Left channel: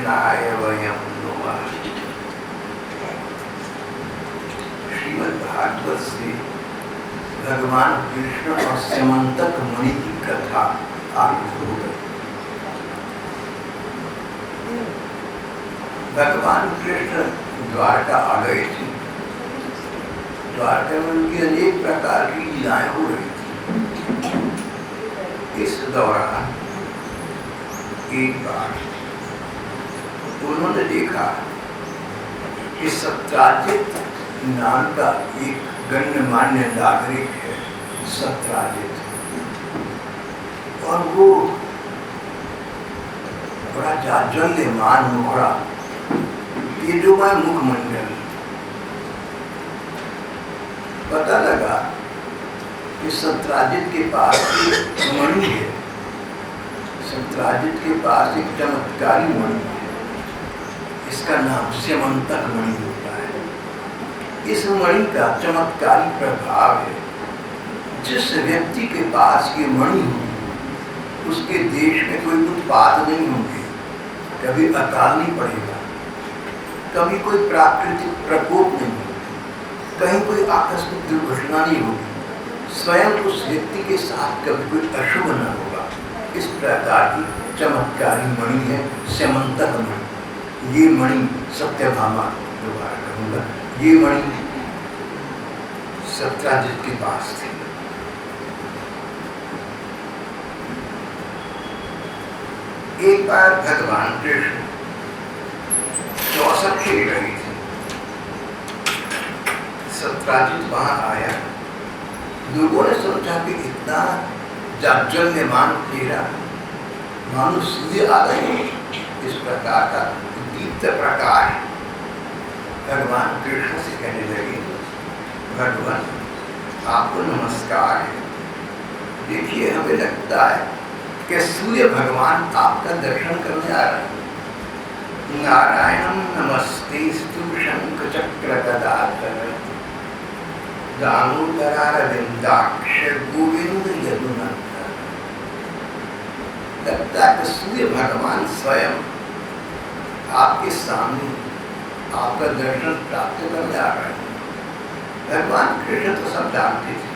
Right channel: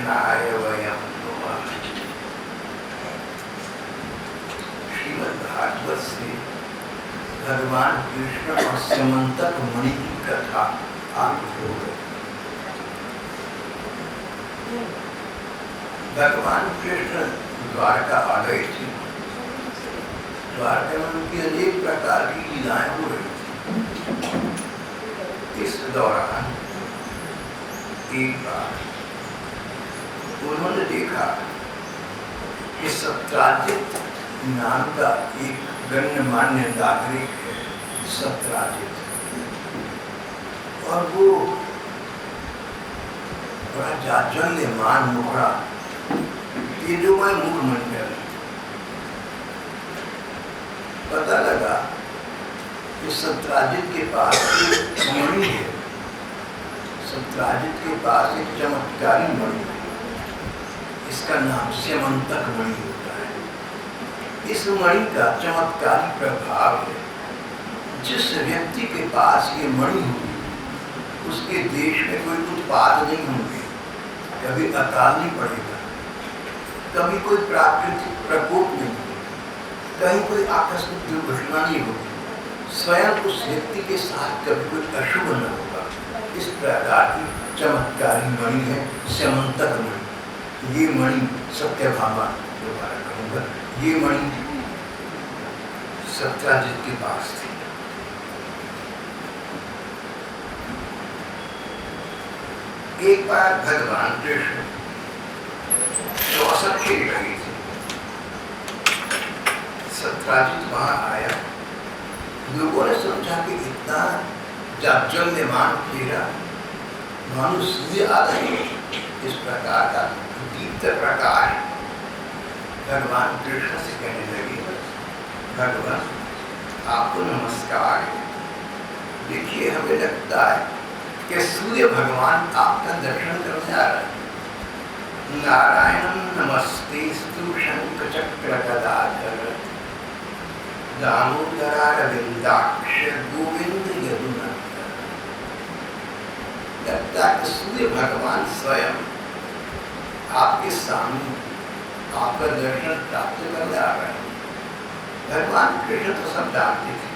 कृष्णाय वयं नुमः। श्रीमद् भागवत से भगवान कृष्ण और स्यमंतक मुनि की कथा आरंभ हो गई। भगवान कृष्ण द्वारका आ गए थे। द्वारका में उनकी अनेक प्रकार की लीलाएं हो रही थी। इस दौरान एक बार उन्होंने देखा कि सत्राजित नाम का एक गण्यमान्य नागरिक है, सत्राजित, और वो बड़ा जाज्वल्यमान मुखड़ा, तेजोमय मुखमंडल। पता लगा कि सत्राजित के पास एक मणि है। सत्राजित के पास एक चमत्कारी मणि है। इसका नाम स्यमंतक मणि होता है। इस मणि का चमत्कारी प्रभाव है। जिस व्यक्ति के पास ये मणि होगी उसके देश में कोई उत्पात नहीं होंगे, कभी अकाल नहीं पड़ेगा, कभी कोई प्राकृतिक प्रकोप नहीं होगा, कहीं कोई आकस्मिक दुर्घटना नहीं होगी, स्वयं उस व्यक्ति के साथ कभी कोई अशुभ न होगा। इस प्रकार की चमत्कारी मणि है स्यमंतक मणि। ये मणि सत्यभामा, दोबारा कहूँगा, ये मणि सत्राजित के पास थी। एक बार भगवान कृष्ण चौसठ खेल रही थी। सत्राजित वहां आया। लोगों ने समझा कि इतना जाज्वल्यमान फेरा, मानो सूर्य आ गए, इस प्रकार का दीप्त प्रकाश। भगवान कृष्ण से कहने लगे, भगवान आपको नमस्कार है। देखिए, हमें लगता है कि सूर्य भगवान आपका दर्शन करने आ रहे हैं। नारायणं नमस्तेस्तु शंख चक्र गदाधर दामोदरारविंदाक्ष गोविंद यदुनंदन। लगता है कि सूर्य भगवान स्वयं आपके सामने आपका दर्शन प्राप्त करने आ रहे हैं। भगवान कृष्ण तो सब जानते थे।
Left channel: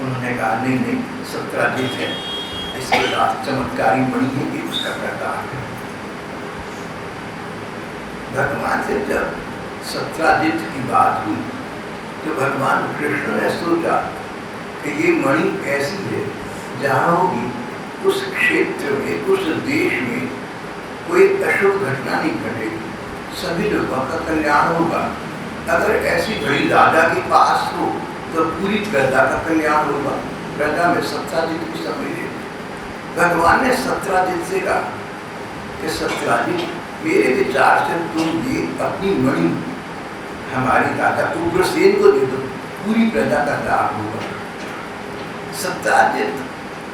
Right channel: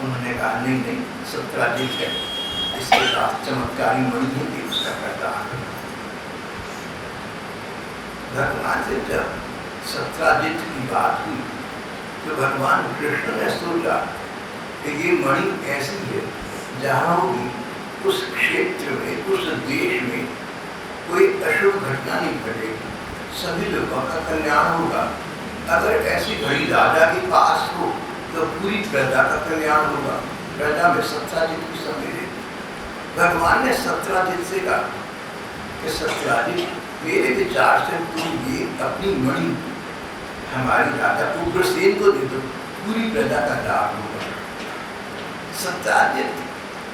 उन्होंने कहा, नहीं नहीं, सत्राजित है, इसके पास चमत्कारी मणि है, कि उसका प्रदान है। भगवान से जब सत्राजित की बात हुई तो भगवान कृष्ण ने सोचा कि ये मणि ऐसी है, जहाँ होगी उस क्षेत्र में, उस देश में कोई अशुभ घटना नहीं घटेगी, सभी लोगों का कल्याण होगा। अगर ऐसी घड़ी राजा के पास हो तो पूरी प्रजा का कल्याण होगा, प्रजा में सत्राजित भी सम्मिलित। भगवान ने सत्राजित से कहा कि सत्राजित, मेरे विचार से तुम ये अपनी मणि हमारी राजा उग्रसेन को दे दो, पूरी प्रजा का लाभ होगा। सत्राजित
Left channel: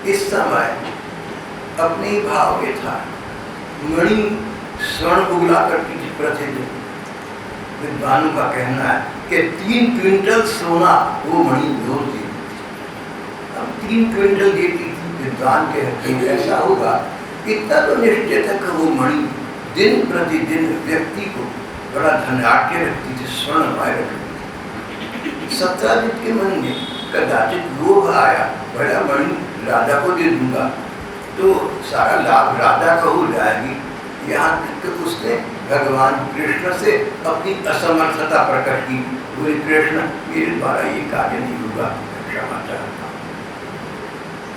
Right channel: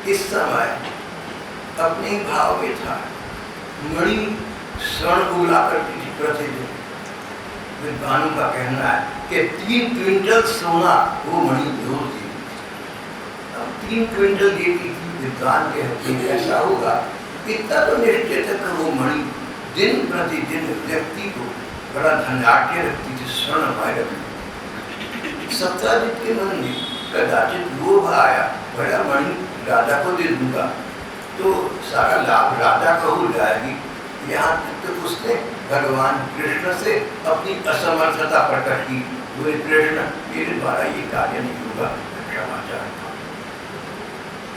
इस समय अपने ही भाव में था। मणि स्वर्ण उगला करती थी प्रतिदिन। विद्वानों का कहना है कि 3 क्विंटल सोना वो मणि रोज देती थी। अब 3 क्विंटल देती थी। विद्वान कहते हैं ऐसा होगा, इतना तो निश्चित है कि वो मणि दिन प्रतिदिन व्यक्ति को बड़ा धनाढ्य रखती थी, स्वर्णमय रखती थी। सत्राजित के मन में कदाचित लोभ आया, बड़ा मणि राजा को दे दूंगा तो सारा लाभ राजा को हो जाएगी। यहाँ तक तो उसने भगवान कृष्ण से अपनी असमर्थता प्रकट की। बोले, कृष्ण, मेरे द्वारा ये कार्य नहीं होगा, क्षमा चाहता हूँ।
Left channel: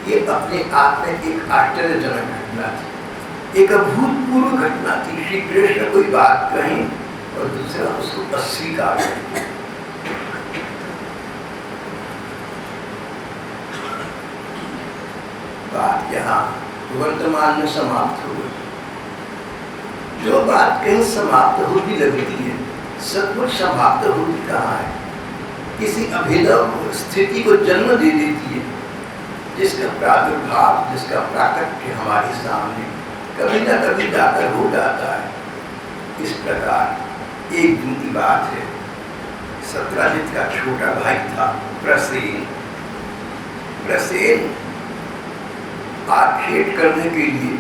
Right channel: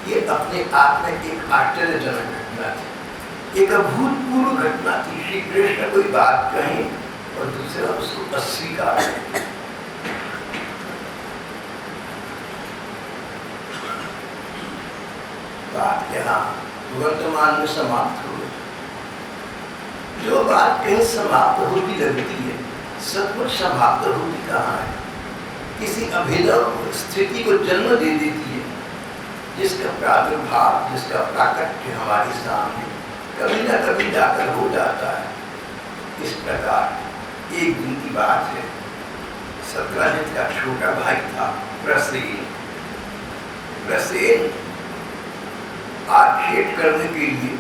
ये अपने आप में एक आश्चर्यजनक घटना थी, एक अभूतपूर्व घटना थी। श्री कृष्ण कोई बात कही और दूसरा उसको अस्वीकार किया। बात यहाँ वर्तमान में समाप्त हो गई। जो बात कहीं समाप्त होती लगती है, सचमुच समाप्त होती कहाँ है? किसी अभिनव स्थिति को जन्म दे देती है, जिसका प्रादुर्भाव, जिसका प्राकट्य हमारे सामने कभी न कभी जाकर हो जाता है। इस प्रकार एक दिन की बात है। सत्राजित का छोटा भाई था प्रसेन। प्रसेन आखेट करने के लिए,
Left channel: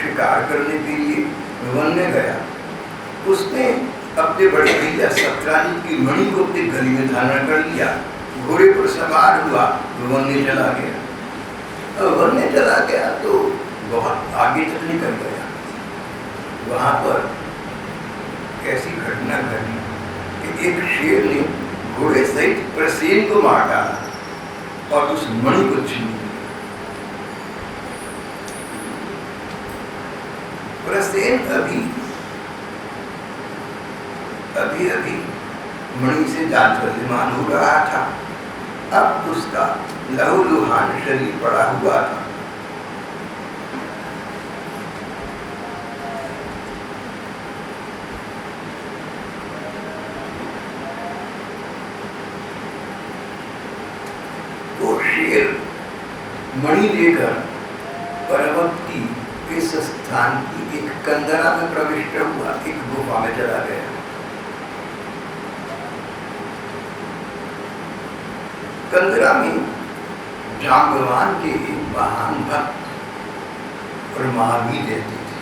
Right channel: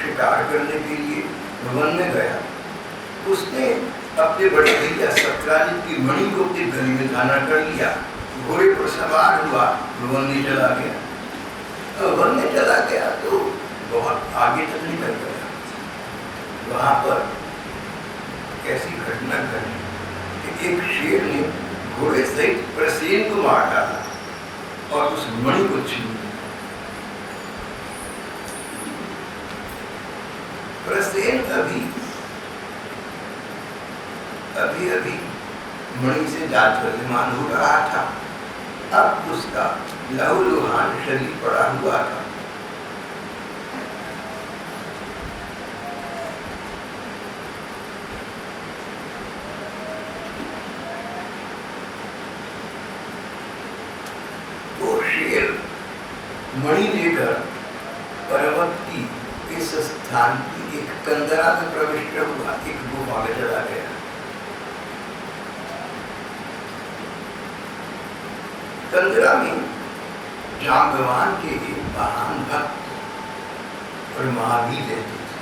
शिकार करने के लिए वन में गया, उसने अपने बड़े भैया सत्राजित की मणि को अपने गले में धारण कर लिया, घोड़े पर सवार हुआ, वन में चला गया। और वन में चला गया तो बहुत आगे तक निकल गया। वहाँ पर कैसी घटना घटी कि एक शेर ने घोड़े सहित प्रसेन को मार डाला और उस मणि को छीन लिया। प्रसेन अभी मणि से जाज्वल्यमान हो रहा था। अब उसका लहूलुहान शरीर पड़ा हुआ था। वो शेर मणि लेकर पर्वत की इस स्थान की एक कंदरा में प्रविष्ट हुआ, एक गुफा में चला गया। कंदरा में जाम्बवान के महान भक्त और महावीर रहते थे।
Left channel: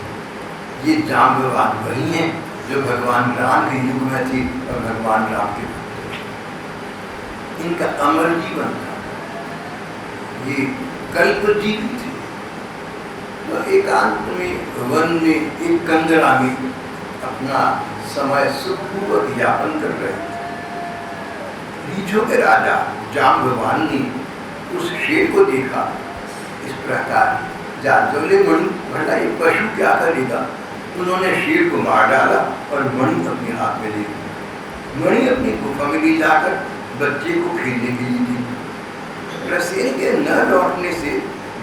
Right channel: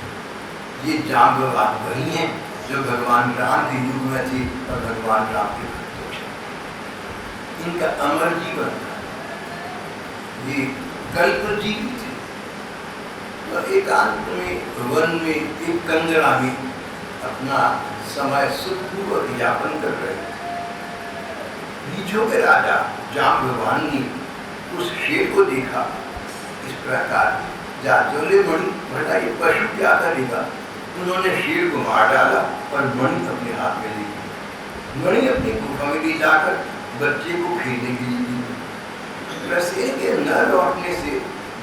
ये जाम्बवान वही हैं जो भगवान राम के युग में थे और भगवान राम के भक्त थे। इनका अमर जीवन था, ये कल्पजीवी थे। तो एकांत में वन में एक कंदरा में अपना समय सुखपूर्वक यापन कर रहे थे। रीछों के राजा जाम्बवान ने उस शेर को देखा। इस प्रकार जाज्वल्य मणि, भला ये पशु क्या करेगा। उन्होंने शेर को मार डाला और मणि अपने हाथ में ले ली। मणि अपनी गुफा में ले जाकर बच्चे को खेलने के लिए दी। प्रसेन के न लौटने से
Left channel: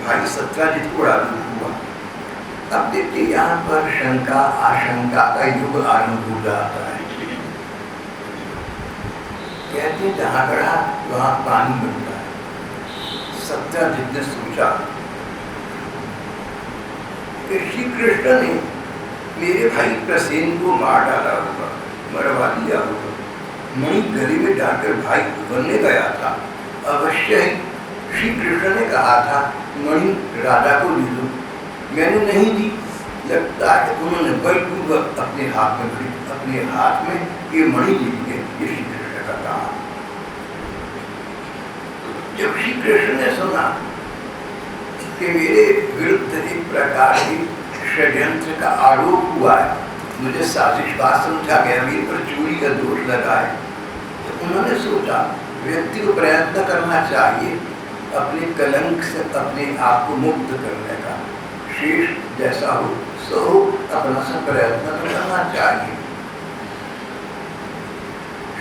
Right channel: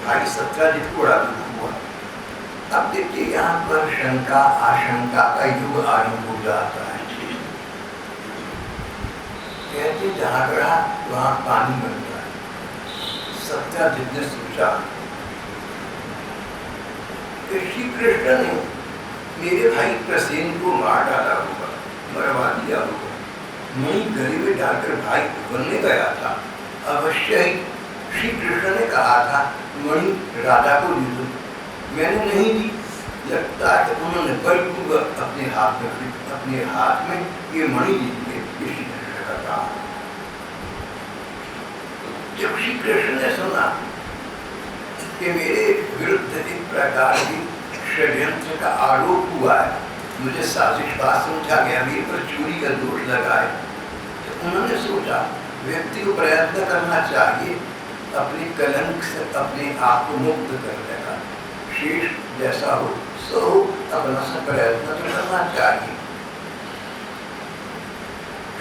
भाई सत्राजित को उड़ा हुआ। अब देखिए यहाँ पर शंका आशंका का युग आरंभ हो जाता है। कहते जहाँ गढ़ा वहाँ पानी बनता है। सत्राजित ने सोचा कि श्री कृष्ण ने मेरे भाई प्रसेन को मार डाला होगा, मरवा दिया होगा। मणि गले में डालकर भाई बनने गया था। अवश्य ही श्री कृष्ण ने कहा था मणि राजा को दे दो, मैंने नहीं दी। लगता है कि उन्होंने बलपूर्वक अपने हाथ में ये मणि ले लिए। ये श्री कृष्ण का काम। जब श्री कृष्ण ने सुना कि मेरे विरुद्ध एक प्रकार की षड्यंत्र का आरोप हुआ है, मुझे साजिशबाज समझा गया, मेरे पर चोरी का दोष लगा है, तो उन्होंने सोचा व्यक्ति को प्रयत्न करना चाहिए अपने कलंक से अपने आप को मुक्त करने का। शेष जैसा हो सो हो, अपना सा प्रयत्न तो करना चाहिए।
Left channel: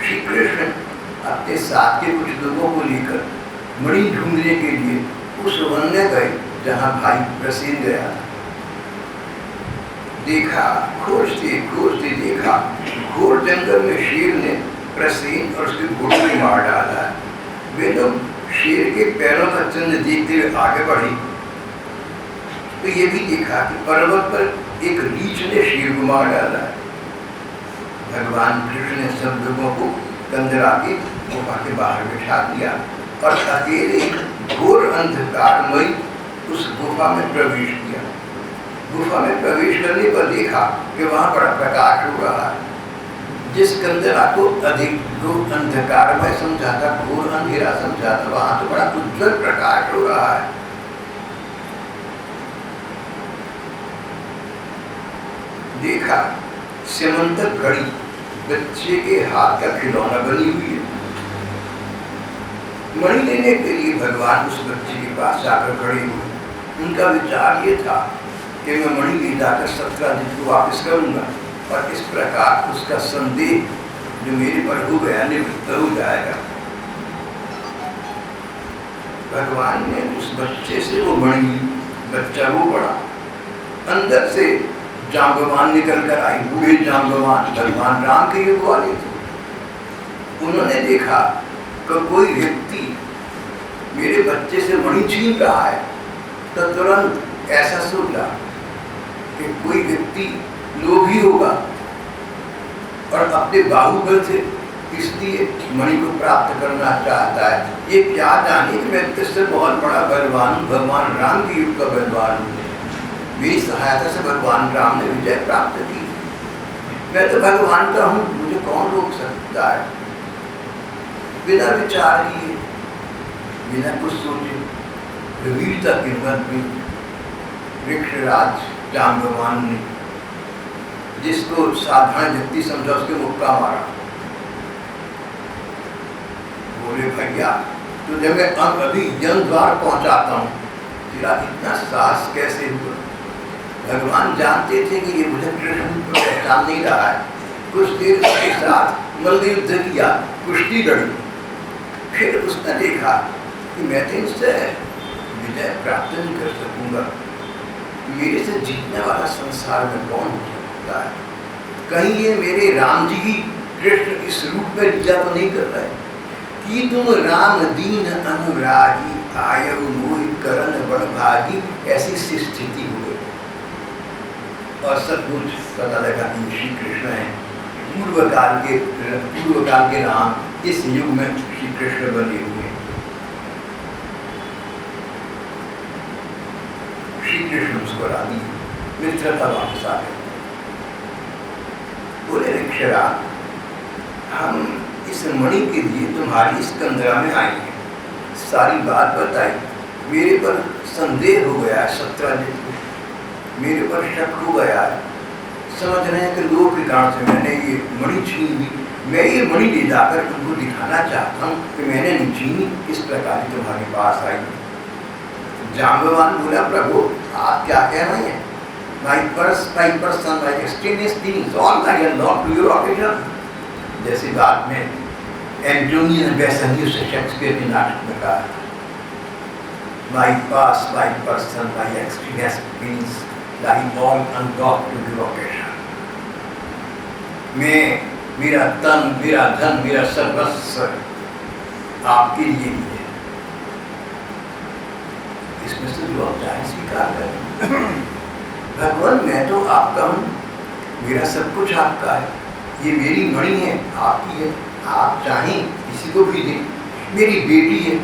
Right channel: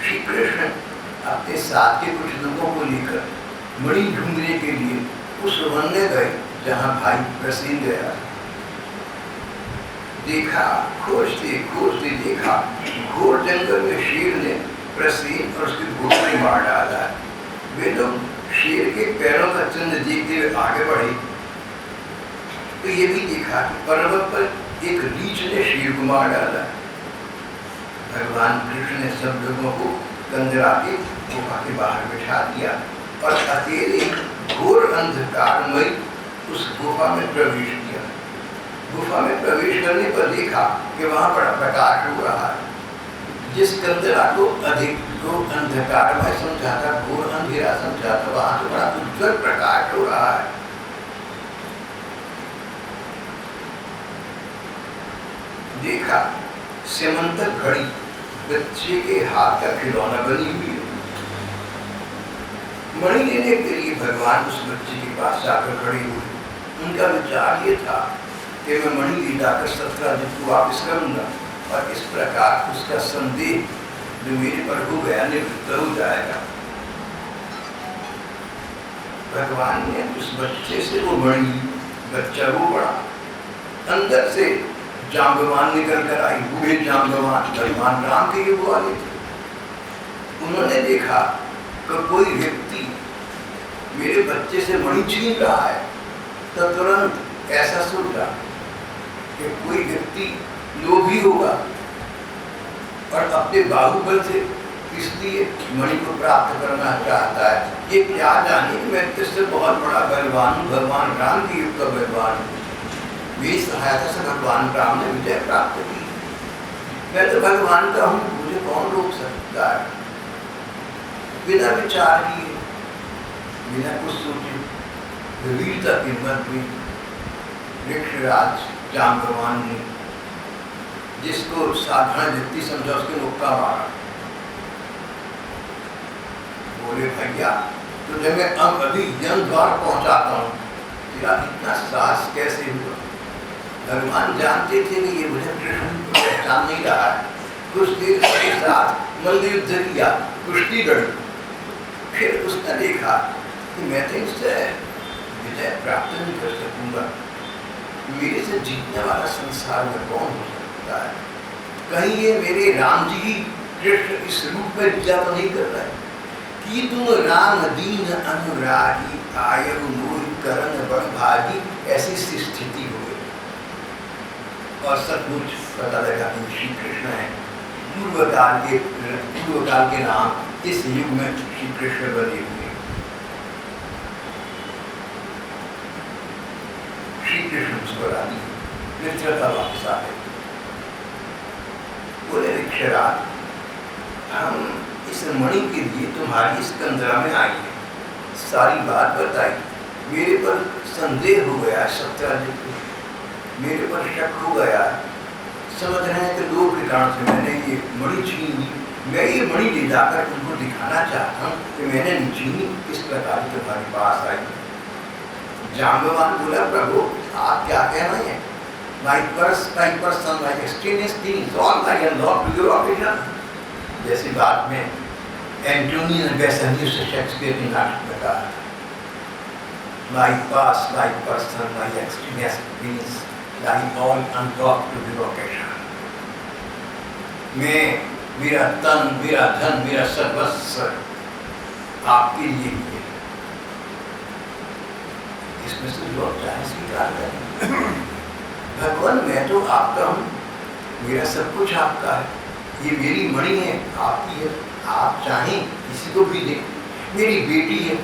श्री कृष्ण अपने साथ के कुछ लोगों को लेकर मणि ढूंढने के लिए उस वन में गए जहाँ भाई प्रसेन गया। देखा, खोजते खोजते देखा, घोर जंगल में शेर ने प्रसेन और उसके घोड़े को मार डाला। वे लोग शेर के पैरों का चिन्ह देखते हुए आगे बढ़े तो ये भी देखा कि पर्वत पर एक रीछ ने शेर को मार डाला। भगवान कृष्ण ने सब लोगों को कंदरा के गुफा के बाहर बिठा दिया और अकेले घोर अंधकारमय उस गुफा में प्रवेश किया। गुफा में प्रवेश करने पर देखा कि वहाँ बड़ा प्रकाश हो रहा है। जिस कंदरा को अधिक जो अंधकारमय समझा था, घोर अंधेरा समझा था, वहाँ तो बड़ा उज्जवल प्रकाश हो रहा है। देखा स्यमंतर घड़ी बच्चे के हाथ का खिलौना बनी हुई है। मणि लेने के लिए भगवान उस बच्चे के पास जाकर खड़े हुए। उनका विचार ये था कि मैं मणि ले जाकर सत्राजित को वापस करूंगा और इस प्रकार उसका संदेह जो मेरे पर हो गया निवृत्त हो जाएगा। भगवान ने उस बच्चे से वो मणि, बच्चा वो बड़ा, अंदर से जाम्बवान निकल कर आई। बूढ़े जाम्बवान भगवान राम के युग वाले थे। उन्होंने देखा कि कोई व्यक्ति मेरे बच्चे से मणि छीन रहा है, तो तुरंत ऐसा सोचा कि कोई व्यक्ति लोभी होगा और अपने बाहुबल से इसलिए मणि को प्राप्त करना चाहता है। ये क्या जाने कि मैं इससे बहुत बड़ा बलवान, भगवान राम के युग का बलवान हूँ। मेरी सहायता से भगवान राम ने विजय प्राप्त की। मैं तो भगवान का हूँ, मुझे कौन रोक सकता है? बिना विचार किए, बिना कुछ सोचे वीरता के मत में वृक्षराज जाम्बवान ने जिसको साधारण व्यक्ति समझा उसके मुक्का मारा। बोले भैया तुझे मैं अब अभी यम द्वार पहुंचाता हूँ, तेरा इतना साहस कैसे हुआ? भगवान जानते थे कि ये मुझे कृष्ण को पहचान नहीं रहा है। कुछ देर उसके साथ मल्ल युद्ध किया, कुश्ती लड़ी। फिर उसने देखा कि मैं तो इससे विजय प्राप्त नहीं कर सकूंगा, मेरे से जीतने वाला संसार में कौन हो सकता है? कहीं ये मेरे राम जी ही कृष्ण इस रूप में लीला तो नहीं कर रहे कि तुम राम दीन अनुरागी आयु मोहि करण बड़ भागी, ऐसी स्थिति हो गई। और सचमुच पता लगा कि श्री कृष्ण है, पूर्व काल के राम इस युग में श्री कृष्ण बने हुए। श्री कृष्ण मुस्कुरा दिए, मित्रता वापस आ गई। बोले ऋक्षरा, हम इस मणि के लिए तुम्हारी इस कंदरा में आए हैं। सारी बात बताई। मेरे पर संदेह हो गया है सत्राजित को, मेरे पर शक हो गया है। समझ रहे हैं कि लोग के कारण से मैंने ये मणि छीन ली। मैं ये मणि ले जाकर उनको दिखाना चाहता हूँ कि मैंने नहीं छीनी, किस प्रकार तुम्हारे पास आई। जाम्बवान बोला, प्रभु आप क्या कह रहे हैं? My person, my extraneous things, all I unlock to your occasion. जैसी बात में एंटोनी ने बेसंगी से शेक्सपियर के नाटक में कहा, My past, my person, my extraneous things, lie all unlocked to your occasion. मैं, मेरा तन, मेरा धन, मेरा सर्वस्व आपके लिए ही है। इसमें से जो आप चाहे स्वीकार करें। भगवान मैं तो आपका हूँ, मेरा सब कुछ आपका है, ये मेरी मणि है, आपकी है। आप चाहें किसी को भी दें। मेरी बेटी है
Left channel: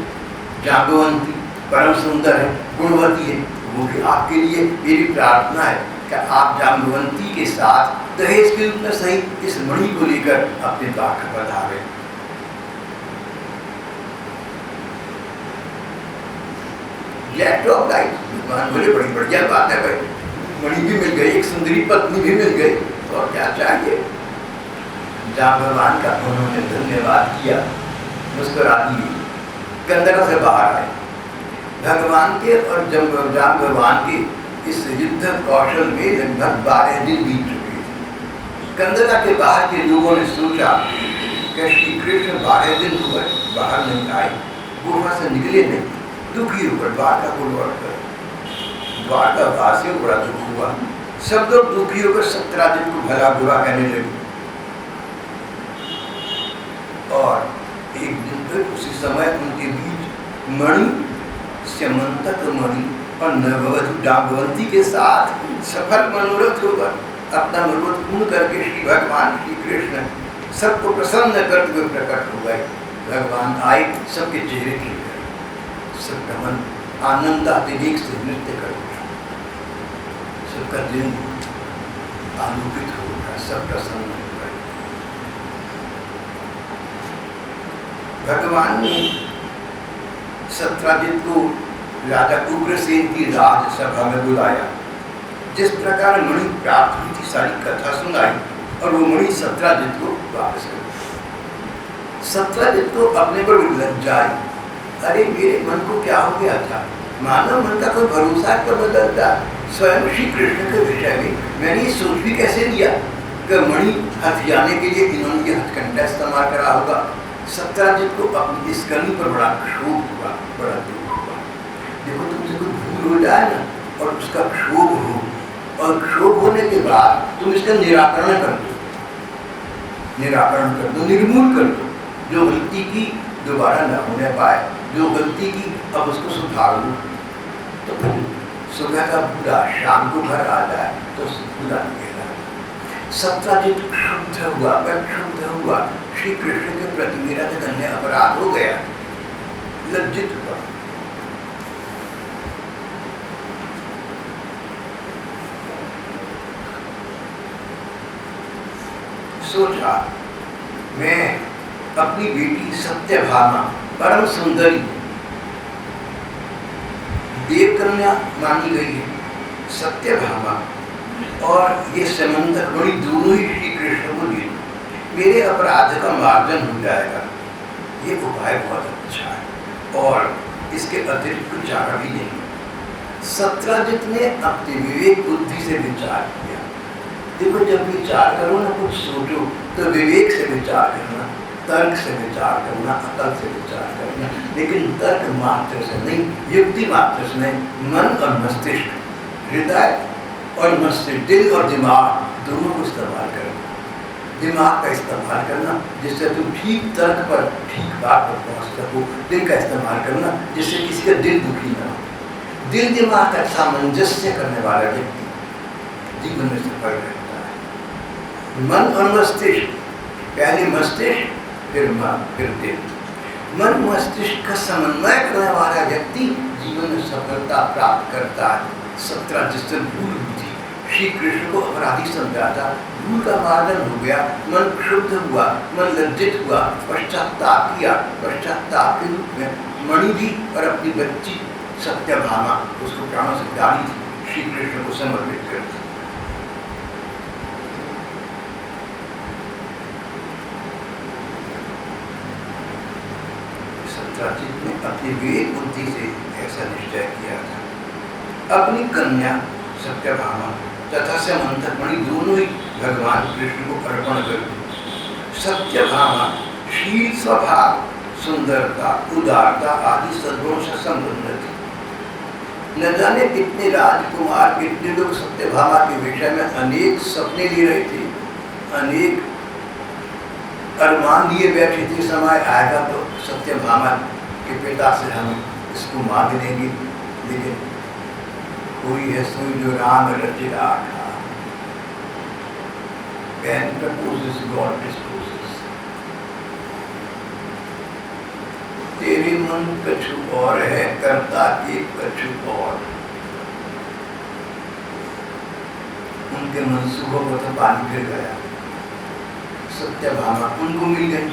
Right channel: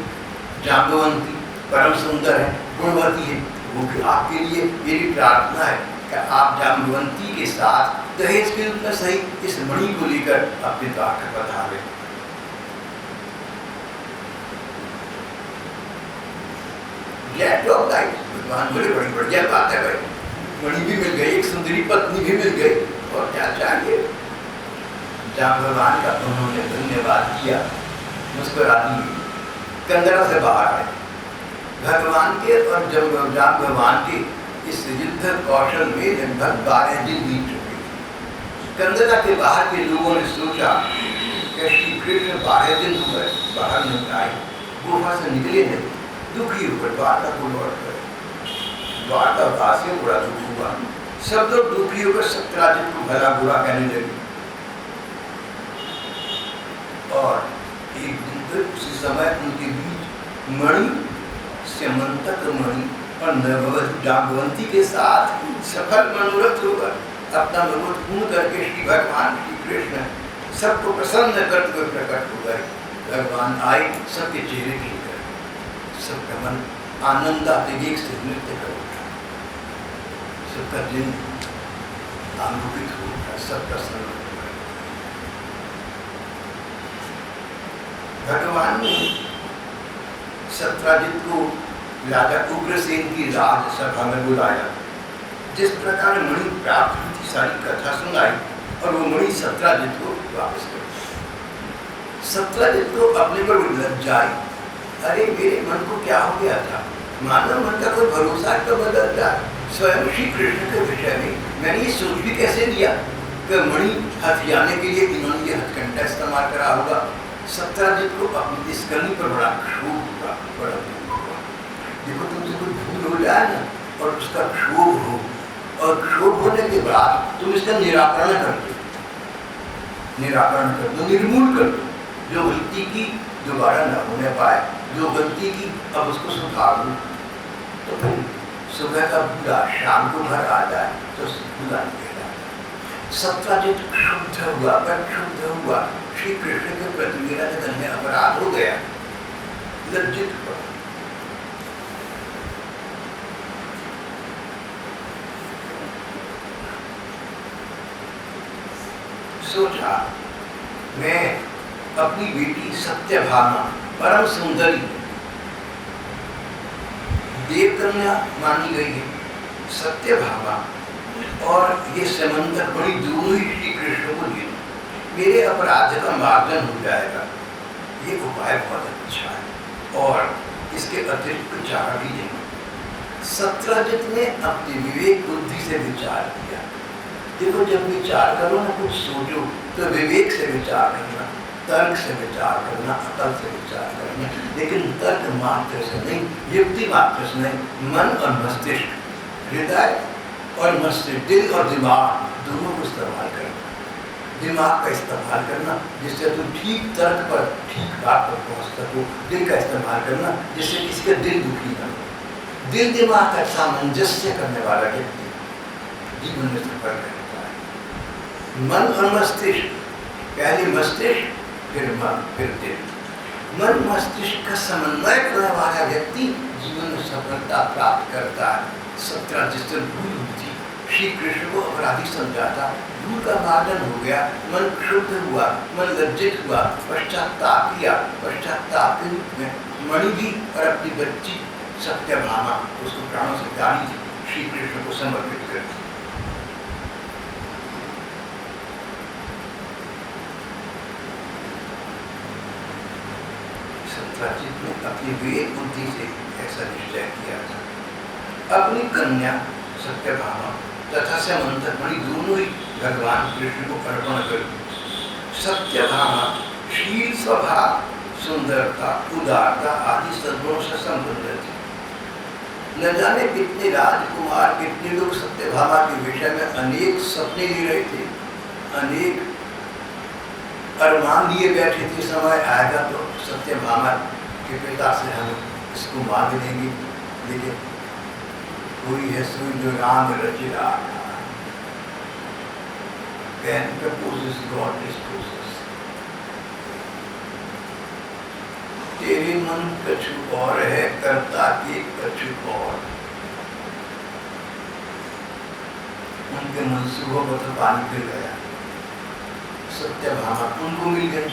जाम्बवंती, परम सुंदर है, गुणवती है, वो भी आपके लिए। मेरी प्रार्थना है कि आप जाम्बवंती के साथ दहेज के रूप में सही इस मणि को लेकर अपने द्वार पर पधारें। Glad to oblige. भगवान बोले बड़ी बढ़िया बात है भाई, मणि भी मिल गई, एक सुंदरी पत्नी भी मिल गई, और क्या चाहिए? जाम्बवान का उन्होंने धन्यवाद किया, मुस्कुरा दिए, कंदरा से बाहर आए। भगवान के और जाम्बवान के इस युद्ध कौशल में लगभग 12 दिन बीत चुके थे। कंदरा के बाहर के लोगों ने सोचा कि श्री कृष्ण 12 दिन हुए बाहर नहीं आए, गुफा से निकले नहीं, दुखी होकर द्वारका को लौट कर। द्वारका वासियों को बड़ा दुख हुआ, सब लोग दुखी होकर सत्राजित को भला बुरा कहने लगे। और एक दिन फिर उसी समय उनके बीच मणि, स्यमंतक मणि और नववधू जाम्बवंती के साथ सफल मनोरथ होगा। अपना मनोरथ पूर्ण करके श्री भगवान श्री कृष्ण सबको प्रसन्न करते हुए प्रकट हो गए। भगवान आए, सबके चेहरे खिल गए, सबका मन आनंद आतिवेग से नृत्य कर उठा, सबका दिल आलोकित हो उठा, सब प्रसन्न हो गए। भगवान ने सत्राजित को राजा उग्रसेन की राजसभा में बुलाया। जिस प्रकार मणि प्राप्त हुई थी सारी कथा सुनाई, और वो मणि सत्राजित को वापस कर दी। सत्राजित को अपने पर लज्जा आई, अरे मेरे मन को क्या हो गया था? मानव मन का कोई भरोसा क्यों बदलता? स्वयं श्री कृष्ण के विषय में मैंने ये सोच भी कैसे लिया कि मणि हथियाने के लिए इन्होंने ये हथकंडा इस्तेमाल करा होगा। सत्राजित को अपनी इस करनी पर बड़ा क्षोभ हुआ, बड़ा दुख हुआ। देखो तुमसे कोई भूल हो जाए ना और उसका क्षोभ हो, और क्षोभ होने के बाद तुम इसका निराकरण कर दो, निर्मूल कर दो। जो गलती की दोबारा न होने पाए, जो गलती की अब उसको सुधार लो। तो फिर सुबह का बूढ़ा शाम को घर आ जाए तो बूढ़ा निकला। सत्राजित क्षुब्ध हुआ, श्री कृष्ण के प्रति मेरा जघन्य अपराध हो गया, लज्जित हुआ। सोचा मैं अपनी बेटी सत्यभामा परम सुंदरी देवकन्या मानी गई है, सत्यभामा और ये समंदर बड़ी दोनों ही श्री कृष्ण को दे दो, मेरे अपराध का मार्जन हो जाएगा। ये उपाय बहुत अच्छा है और इसके अतिरिक्त कुछ चारा भी नहीं। सत्यजित ने अपने विवेक बुद्धि से विचार किया। देखो जब विचार करो ना, कुछ सोचो तो विवेक से विचार करना, तर्क से विचार करना, अकल से विचार करना, लेकिन तर्क मात्र से नहीं, युक्ति मात्र से नहीं। मन और मस्तिष्क, हृदय और मस्तिष्क, दिल और दिमाग दोनों को इस्तेमाल करना। दिमाग का इस्तेमाल करना जिससे तुम ठीक तर्क पर ठीक बात पर पहुंच सको। दिल का इस्तेमाल करना जिससे किसी का दिल दुखी ना हो। दिल दिमाग का सामंजस्य करने वाला व्यक्ति जीवन में सफल रहता है। मन और मस्तिष्क, पहले मस्तिष्क फिर मन फिर दिल। मन मस्तिष्क का समन्वय करने वाला व्यक्ति जीवन में सफलता प्राप्त करता है। 17 जिस दिन भूल हुई थी, श्री कृष्ण को अपराधी समझा था, भूल का मार्जन हो गया, मन शुद्ध हुआ, मन लज्जित हुआ, पश्चाताप किया। पश्चाताप के रूप में मणि भी और अपनी बच्ची सत्यभामा उसको प्राणों से प्यारी थी, श्री कृष्ण को समर्पित कर दी। सत्यजित ने अपनी विवेक बुद्धि से ऐसा निश्चय किया था। अपनी कन्या सत्यभामा तथा समंथक मणि दोनों ही भगवान कृष्ण को अर्पण कर दी। सत्यभामा शील, स्वभाव, सुंदरता, उदारता आदि सद्गुणों से संपन्न थी। न जाने कितने राजकुमार, कितने लोग सत्यभामा के विषय में अनेक सपने ले रहे थे, अनेक अरमान लिए बैठे थे। समय आएगा तो सत्यभामा के पिता से हम इसको मांग लेंगे, लेकिन कोई है सोई जो राम रचि राखा। Man proposes, God disposes. तेरे मन कछु और है, करता के कछु और। उनके मनसूबों को तो पानी फिर गया। सत्यभामा उनको मिल गई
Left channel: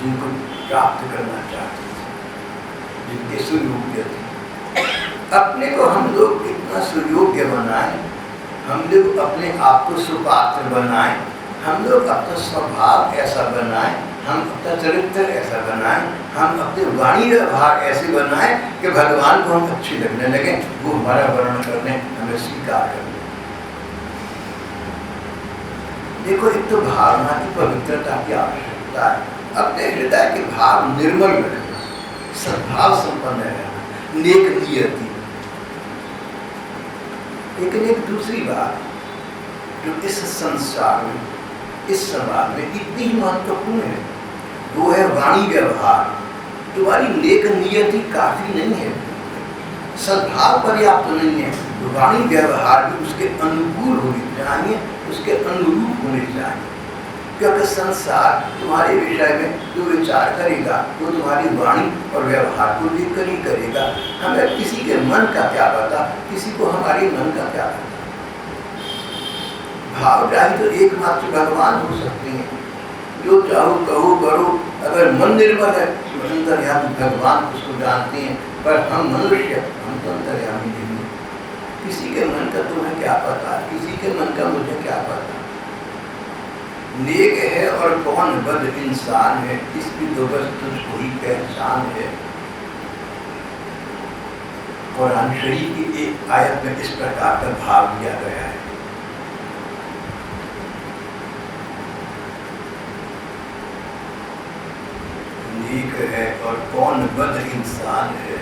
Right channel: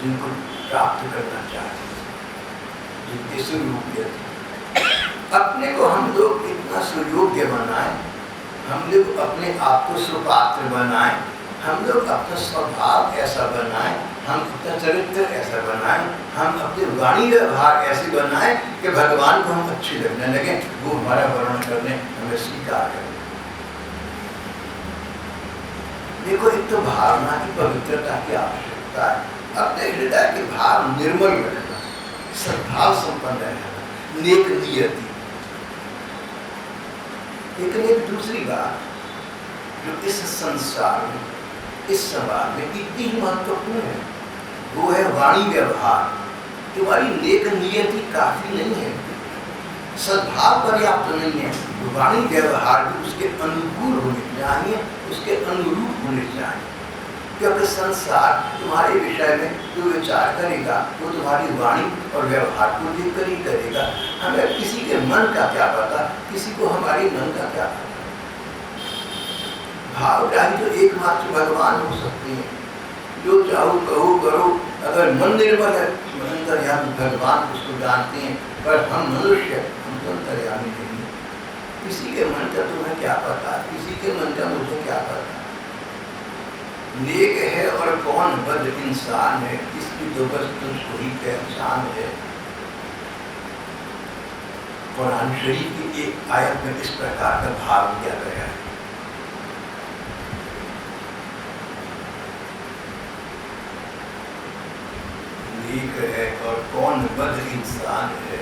जिनको प्राप्त करना चाहते थे, जिनके सुयोग्य थे। अपने को हम लोग कितना सुयोग्य बनाएं, हम लोग अपने आप को सुपात्र बनाएं, हम लोग अपना स्वभाव ऐसा बनाएं, हम अपना चरित्र ऐसा बनाएं, हम अपने वाणी व्यवहार ऐसे बनाएं कि भगवान को हम अच्छे लगने लगे, वो हमारा वर्णन करने, हमें स्वीकार करने। देखो एक तो भावना की पवित्रता की आवश्यकता है, अपने हृदय के भाव निर्मल रखना, सद्भाव संपन्न रहना, नेक नियति। लेकिन एक दूसरी बात जो इस संसार में, इस समाज में इतनी ही महत्वपूर्ण है, वो है वाणी व्यवहार। तुम्हारी नेक नियति काफी नहीं है, सद्भाव पर्याप्त नहीं है, वाणी व्यवहार भी उसके अनुकूल होने चाहिए, उसके अनुरूप होने चाहिए। क्योंकि संसार तुम्हारे विषय में जो विचार करेगा वो तुम्हारी वाणी और व्यवहार को देखकर ही करेगा। हमें किसी के मन का क्या पता, किसी को हमारे मन का क्या पता। भावग्राही तो एकमात्र भगवान हो सकते हैं, जो चाहो कहो करो। अगर मन निर्मल है तो अंतर्यामी भगवान उसको जानते हैं, पर हम मनुष्य, हम तो अंतर्यामी नहीं। किसी के मन का तुम्हें क्या पता, किसी के मन का मुझे क्या पता। नेक है और कौन बद इंसान है, इसकी तो बस तुझको ही पहचान है। कुरान शरीफ की एक आयत में इस प्रकार का भाव दिया गया है। नेक है और कौन बद इंसान है,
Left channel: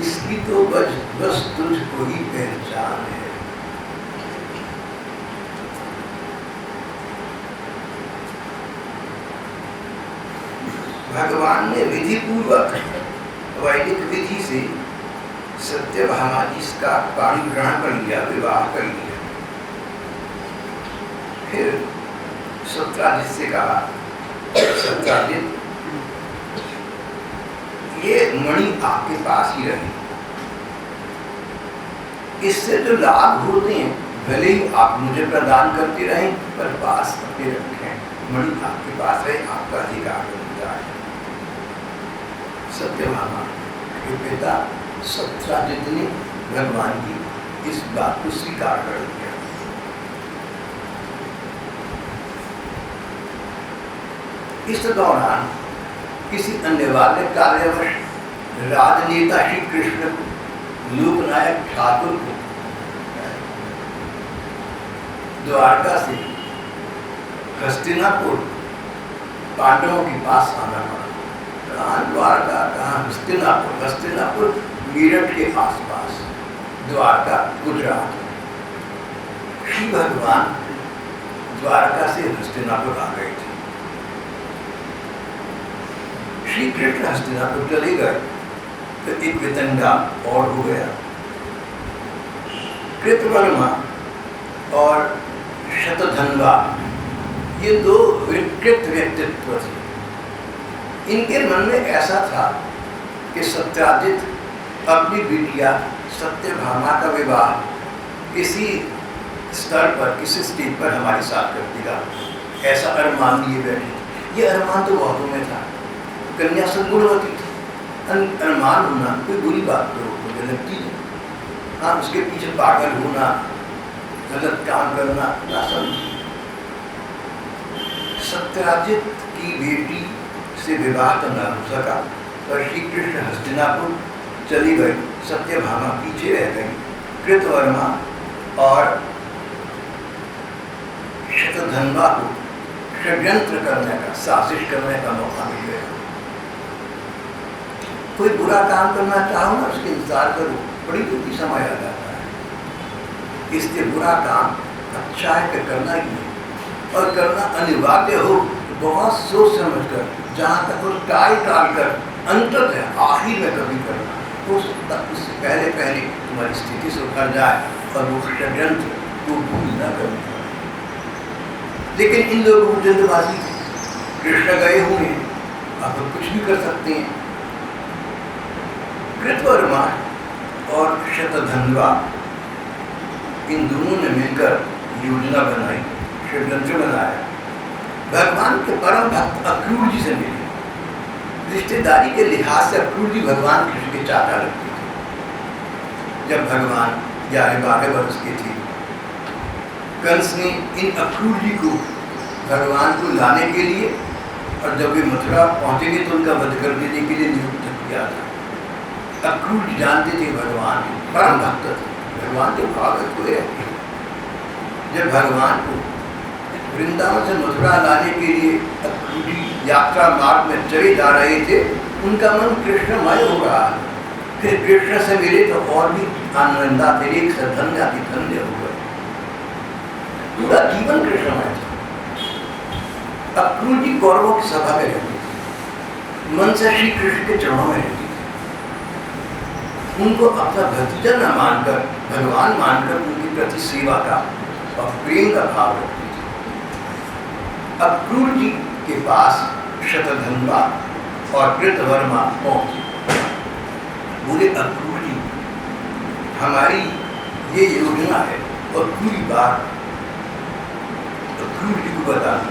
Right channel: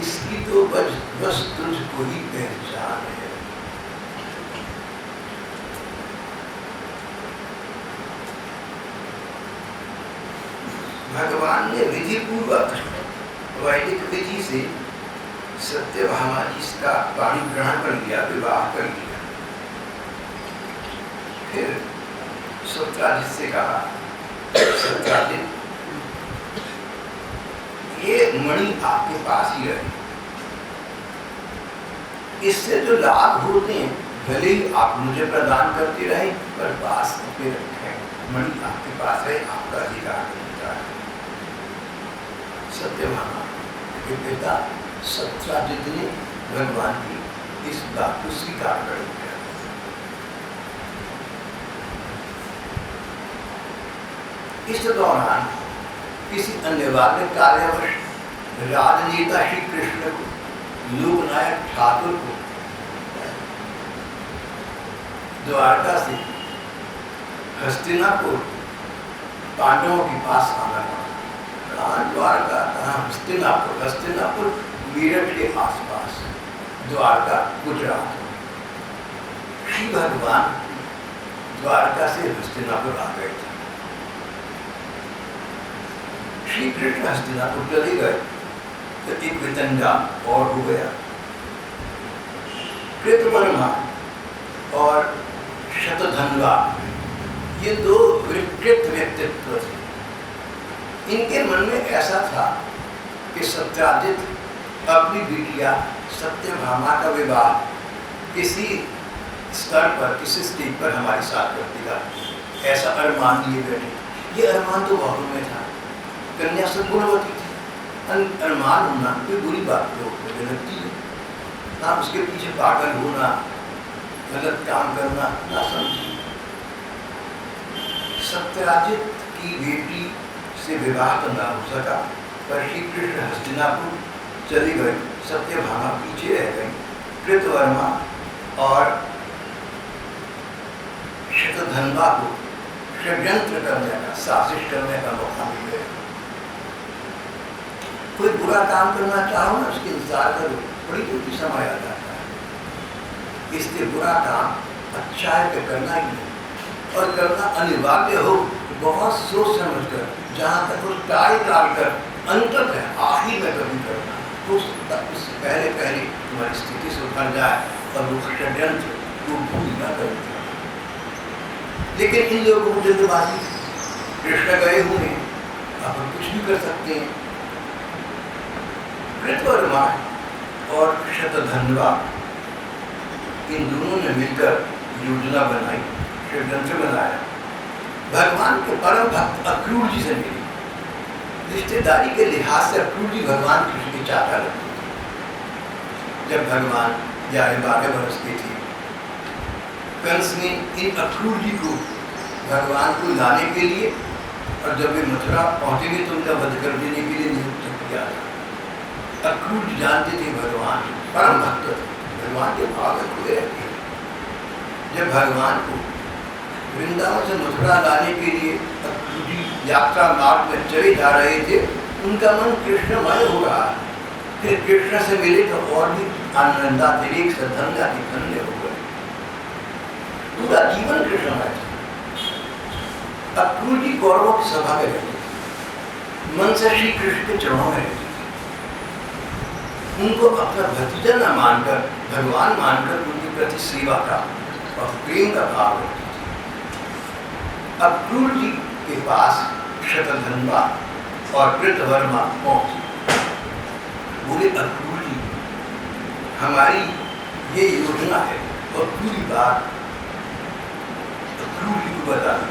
इसकी तो बस तुझको ही पहचान है। भगवान ने विधि पूर्वक वैदिक विधि से सत्यभामा जी का पाणी ग्रहण कर लिया, विवाह कर लिया। फिर सत्यजित से कहा, सत्यजित ये मणि आपके पास ही रहे, इससे जो लाभ होते हैं भले ही आप मुझे प्रदान करते रहें, पर पास करके रखें। मणि आपके पास है, आपका अधिकार होता है। सत्यभामा के पिता सत्यजित ने भगवान की इस बात को स्वीकार कर लिया। इस दौरान किसी अनिवार्य कार्यवश राजनेता श्री कृष्ण को, लोकनायक ठाकुर को द्वारका से हस्तिनापुर पांडवों के पास आना पड़ा। कहाँ द्वारका, कहाँ हस्तिनापुर? हस्तिनापुर मेरठ के आसपास, द्वारका गुजरात। श्री भगवान द्वारका से हस्तिनापुर आ गए थे। श्री कृष्ण हस्तिनापुर चले गए तो एक वितंडा और हो गया। कृतवर्मा और शतधन्वा, ये दो विकृत व्यक्तित्व थे। इनके मन में ऐसा था कि सत्यजित अपनी बिटिया सत्यभामा का विवाह किसी स्तर पर, किसी स्टेज पर हमारे साथ कर देगा, ऐसा अरमान लिए बैठे थे। ये अरमान तो बहुतों में था। कन्या सद्गुणवती थी, अरमान होना कोई बुरी बात तो मुझे लगती नहीं। हाँ, उसके पीछे पागल होना, गलत काम करना ना समझिए। सत्यजित की बेटी से विवाह तो न हो सका, पर श्री कृष्ण हस्तिनापुर चली गई, सत्यभामा पीछे रह गई। कृतवर्मा और शतधन्वा को षड्यंत्र करने का, साजिश करने का मौका मिल गया। कोई बुरा काम करना चाहो ना, उसके इंतजार करो, बड़ी जल्दी समय आ जाता है। इसलिए बुरा काम अच्छा है कि करना ही नहीं, और करना अनिवार्य हो तो बहुत सोच समझ कर, जहाँ तक वो टाल कर अंतर है आखिर में कभी करना, तो उससे पहले तुम्हारी स्थिति से उतर जाए और वो षड्यंत्र को भूल न कर। लेकिन इन लोगों को जल्दबाजी, कृष्ण गए हुए हैं, आप कुछ भी कर सकते हैं। कृतवर्मा और शतधन्वा इन दोनों ने मिलकर योजना बनाई, षड्यंत्र बनाया। भगवान के परम भक्त अक्रूर जी से मिले। रिश्तेदारी के लिहाज से अक्रूर जी भगवान कृष्ण के चाचा लगते थे। जब भगवान 11-12 वर्ष के थे, कंस ने इन अक्रूर जी को भगवान को लाने के लिए, और जब वे मथुरा पहुंचेंगे तो उनका वध कर देने के लिए नियुक्त किया था। अक्रूर जी जानते थे भगवान परम भक्त थे, भगवान के भागवत हुए रहते थे। जब भगवान को वृंदावन से मथुरा लाने के लिए अक्रूर जी यात्रा मार्ग में चले जा रहे थे, उनका मन कृष्णमय हो रहा। फिर कृष्ण से मिले तो और भी आनंदातिरेक से धन्य हो गए। पूरा जीवन कृष्णमय था। अक्रूर जी कौरवों की सभा में रहते थे, मन से श्री कृष्ण के चरणों में रहते थे। उनको अपना भतीजा न मानकर, भगवान मानकर उनके प्रति सेवा का और प्रेम का भाव रखते थे। अक्रूर जी के पास शतधन्वा और कृतवर्मा पहुंचे। बोले, अक्रूर जी, हमारी ये योजना है और पूरी बात अक्रूर जी को बताना।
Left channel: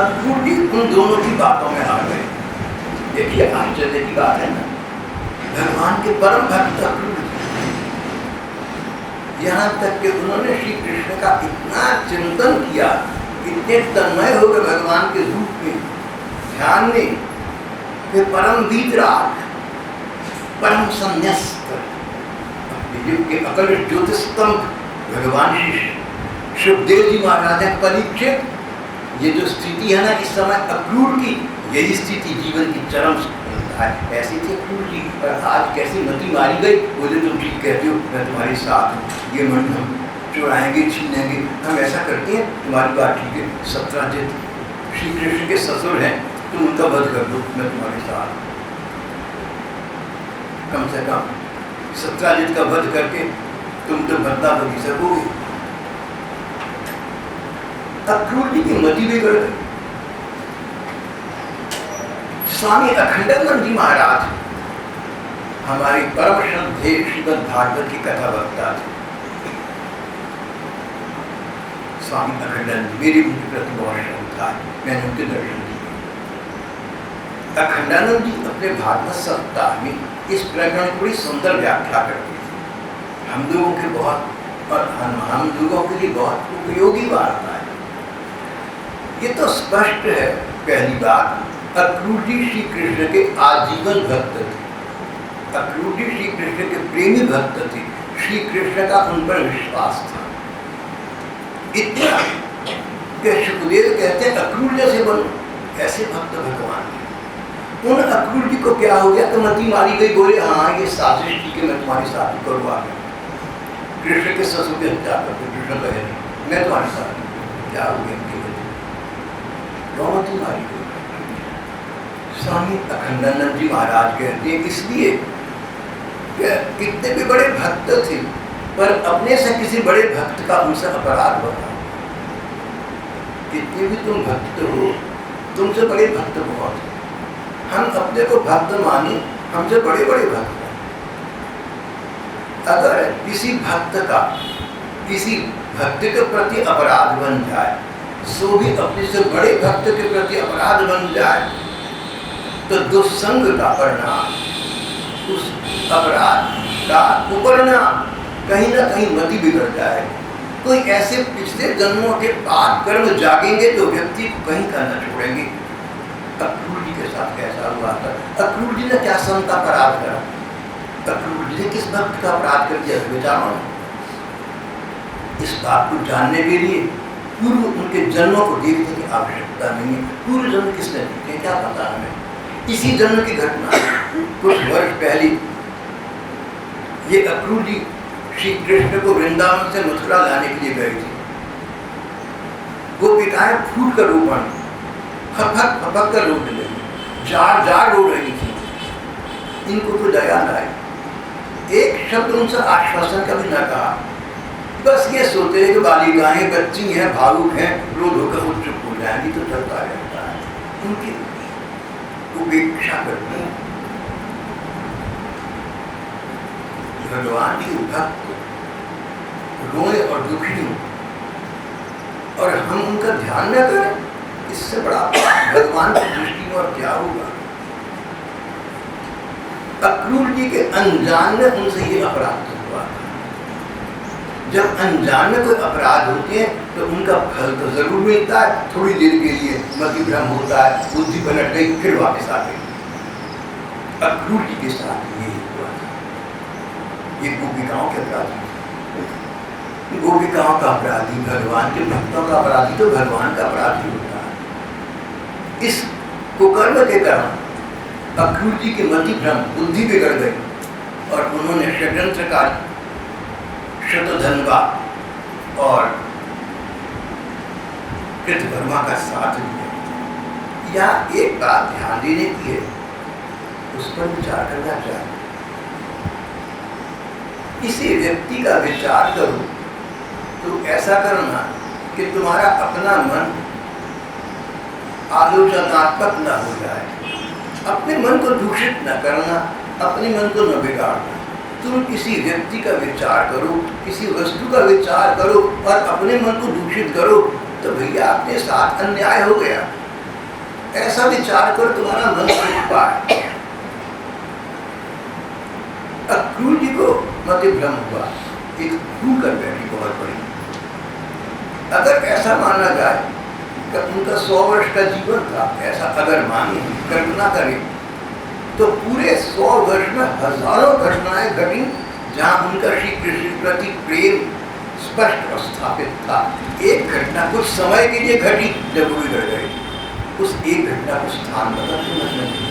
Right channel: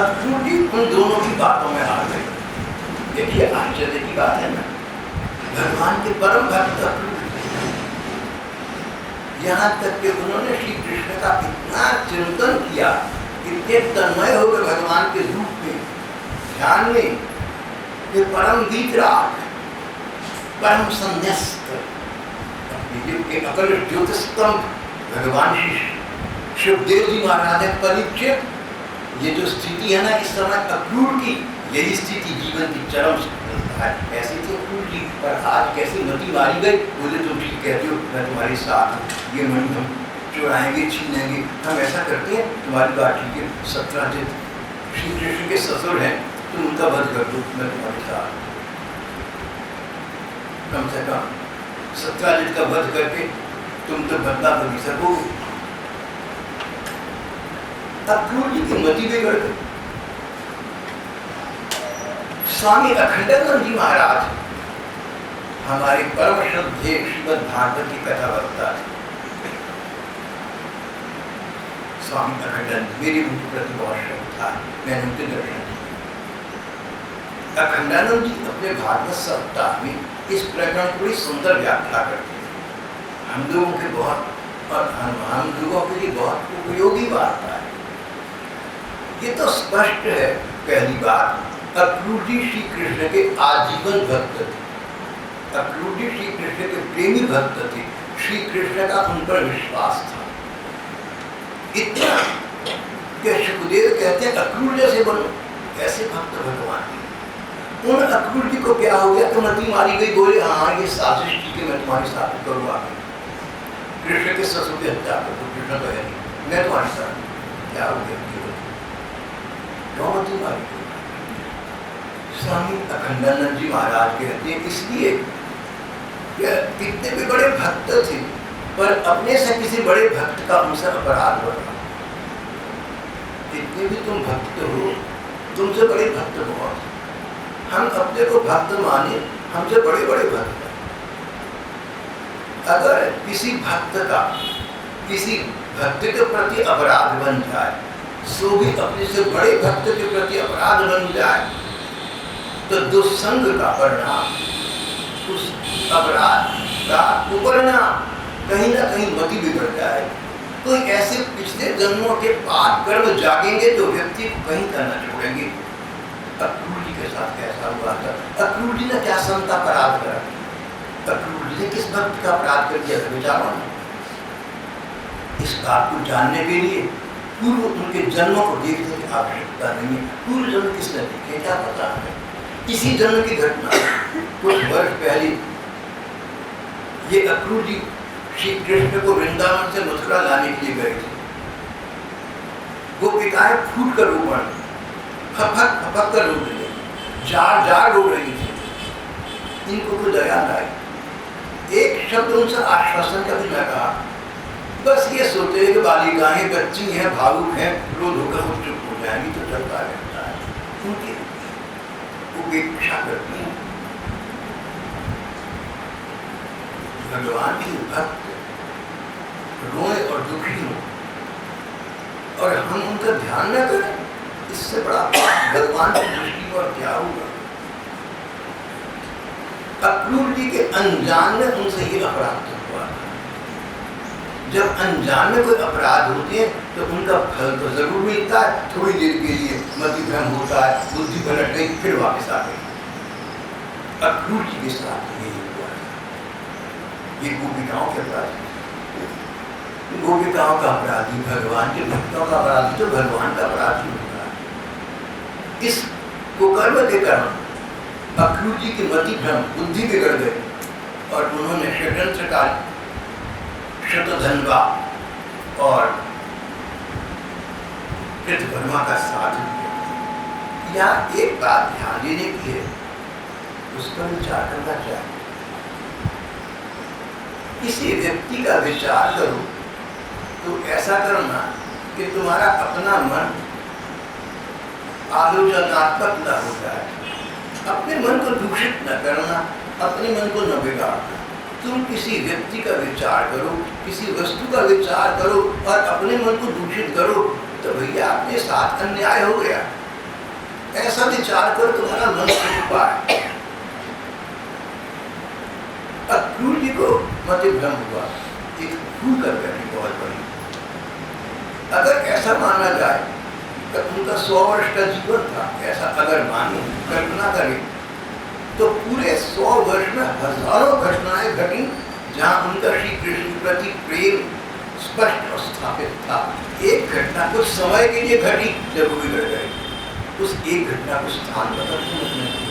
अक्रूर जी उन दोनों की बातों में आ गए। देखिए, आश्चर्य की बात है ना, भगवान के परम भक्त अक्रूर जी, यहाँ तक कि उन्होंने श्री कृष्ण का इतना चिंतन किया, इतने तन्मय हो गए भगवान के रूप में, ध्यान में, कि परम वीतराग, परम संन्यस्त, अपने युग के अकल ज्योतिस्तंभ भगवान श्री सुखदेव जी महाराज परीक्षित। ये जो स्थिति है ना इस समय अक्रूर की, यही स्थिति जीवन की चरम है। ऐसी थी अक्रूर जी, पर आज कैसी मति मारी गई। बोले, तुम ठीक कहते हो, मैं तुम्हारे साथ हूँ, ये मणि हम चुराएंगे, छीनेंगे, हम ऐसा करते हैं, तुम्हारी बात ठीक है। सत्यजित श्री कृष्ण के ससुर हैं, तुम उनका वध कर दो, मैं तुम्हारे साथ। कम से कम सत्यजित का वध करके तुम तो बदला तो नहीं सकोगे। अक्रूर जी की मति बिगड़ गई। स्वामी अखंडानंद जी महाराज हमारे परम श्रद्धेय श्रीमद् भागवत की कथा वक्ता थे स्वामी अखंडानंद। मेरी उनके प्रति बहुत श्रद्धा था, मैंने उनके दर्शन किए। अखंडानंद जी अपने भागवत सप्ताह में इस प्रकरण को बड़ी सुंदर व्याख्या करते थे। हम लोगों के बहुत और हम लोगों के लिए बहुत उपयोगी वार्ता है। ये तो स्पष्ट है। पहली बात, अक्रूर जी श्री कृष्ण के आजीवन भक्त थे। अक्रूर जी श्री कृष्ण के प्रेमी भक्त थे। श्री कृष्ण का उन पर विश्वास था इतना कि सुखदेव कहते हैं अक्रूर जैसे बनो, ऐसे भक्त भगवान। उन अक्रूर जी को क्या हो गया तो मती मारी गई, बोले हाँ ये साजिश ठीक है, मैं तुम्हारी साथ करूँ आगे। कृष्ण के ससुर की हत्या कर दो, कृष्ण तो है नहीं, मैं तुम्हारी साथ क्या हो गया मती मारी गई। स्वामी अखंडानंद जी महाराज कहते हैं इसलिए कितने भी बड़े भक्त थे पर अपने से किसी बड़े भक्त का उनसे अपराध होगा। कितने भी तुम भक्त हो, तुमसे बड़े भक्त बहुत। हम अपने को भक्त माने, हमसे बड़े बड़े भक्त। अगर किसी भक्त का किसी भक्त के प्रति अपराध बन जाए, सो भी अपने से बड़े भक्त के प्रति अपराध बन जाए, तो दुस्संग का परिणाम, उस अपराध का कुपरिणाम कहीं ना कहीं मति बिगड़ जाए। कोई ऐसे पिछले जन्मों के पाप कर्म जागेंगे जो व्यक्ति को कहीं का न छोड़ेंगे। अक्रूर जी के साथ कैसा हुआ था? अक्रूर जी ने क्या संत अपराध करा? अक्रूर जी ने किस भक्त का अपराध कर दिया? विचारो ना। इस बात को जानने के लिए पूर्व उनके जन्मों को देखने की आवश्यकता नहीं है। पूर्व जन्म किसने देखे क्या पता हमें? इसी जन्म की घटना कुछ वर्ष पहले ये अक्रूर जी श्री कृष्ण को वृंदावन से मथुरा लाने के लिए गए थे। गोपिकाएं फूट कर रो पड़ी, फपक फपक कर रोने लगी, जार जार रो रही थी। इनको तो दया न आई, एक शब्द उनसे आश्वासन का भी न कहा। बस ये सोचते हैं कि बालिकाएं बच्ची हैं, भावुक हैं, रोध होकर खुद चुप हो जाएंगी तो चलता रहता है। उनकी उपेक्षा करते हैं। भगवान की भक्त रोए और दुखी हो और हम उनका ध्यान न करें, इससे बड़ा भगवान की दृष्टि में और क्या होगा? अक्रूर जी के अनजान में उनसे ये अपराध हुआ। जब अनजान में कोई अपराध होते हैं तो उनका फल तो जरूर मिलता है, थोड़ी देर के लिए मति भ्रम होता है, बुद्धि पलट गई, फिर वापस आ गई। अक्रूर जी के साथ ये हुआ था। ये गोपिकाओं के अपराधी, गोपिकाओं का अपराधी भगवान के भक्तों का अपराधी तो भगवान का अपराधी होता है। इस कुकर्म के कारण अक्रूर जी की मति भ्रम, बुद्धि बिगड़ गई और उन्होंने षड्यंत्र का शतधन्वा और कृतवर्मा का साथ दिया। यहाँ एक बात ध्यान देने की है, उस पर विचार करना चाहिए। किसी व्यक्ति का विचार करो तो ऐसा करना कि तुम्हारा अपना मन आलोचनात्मक न हो जाए। अपने मन को दूषित न करना, अपने मन को न बिगाड़ना। तुम किसी व्यक्ति का विचार करो, किसी वस्तु का विचार करो और अपने मन को दूषित करो तो भैया अपने साथ अन्याय हो गया। ऐसा विचार करो तुम्हारा मन सुख पाए। अक्रूर जी को मति भ्रम हुआ, एक भूल कर बैठी बहुत बड़ी। अगर ऐसा माना जाए कि उनका 100 वर्ष का जीवन था, ऐसा अगर माने, कल्पना करें तो पूरे 100 वर्ष में हजारों घटनाएं घटी जहाँ उनका श्री कृष्ण के प्रति प्रेम स्पष्ट और स्थापित था। एक घटना कुछ समय के लिए घटी जब वो बिगड़ गए, उस एक घटना को स्थान बदलने लगने।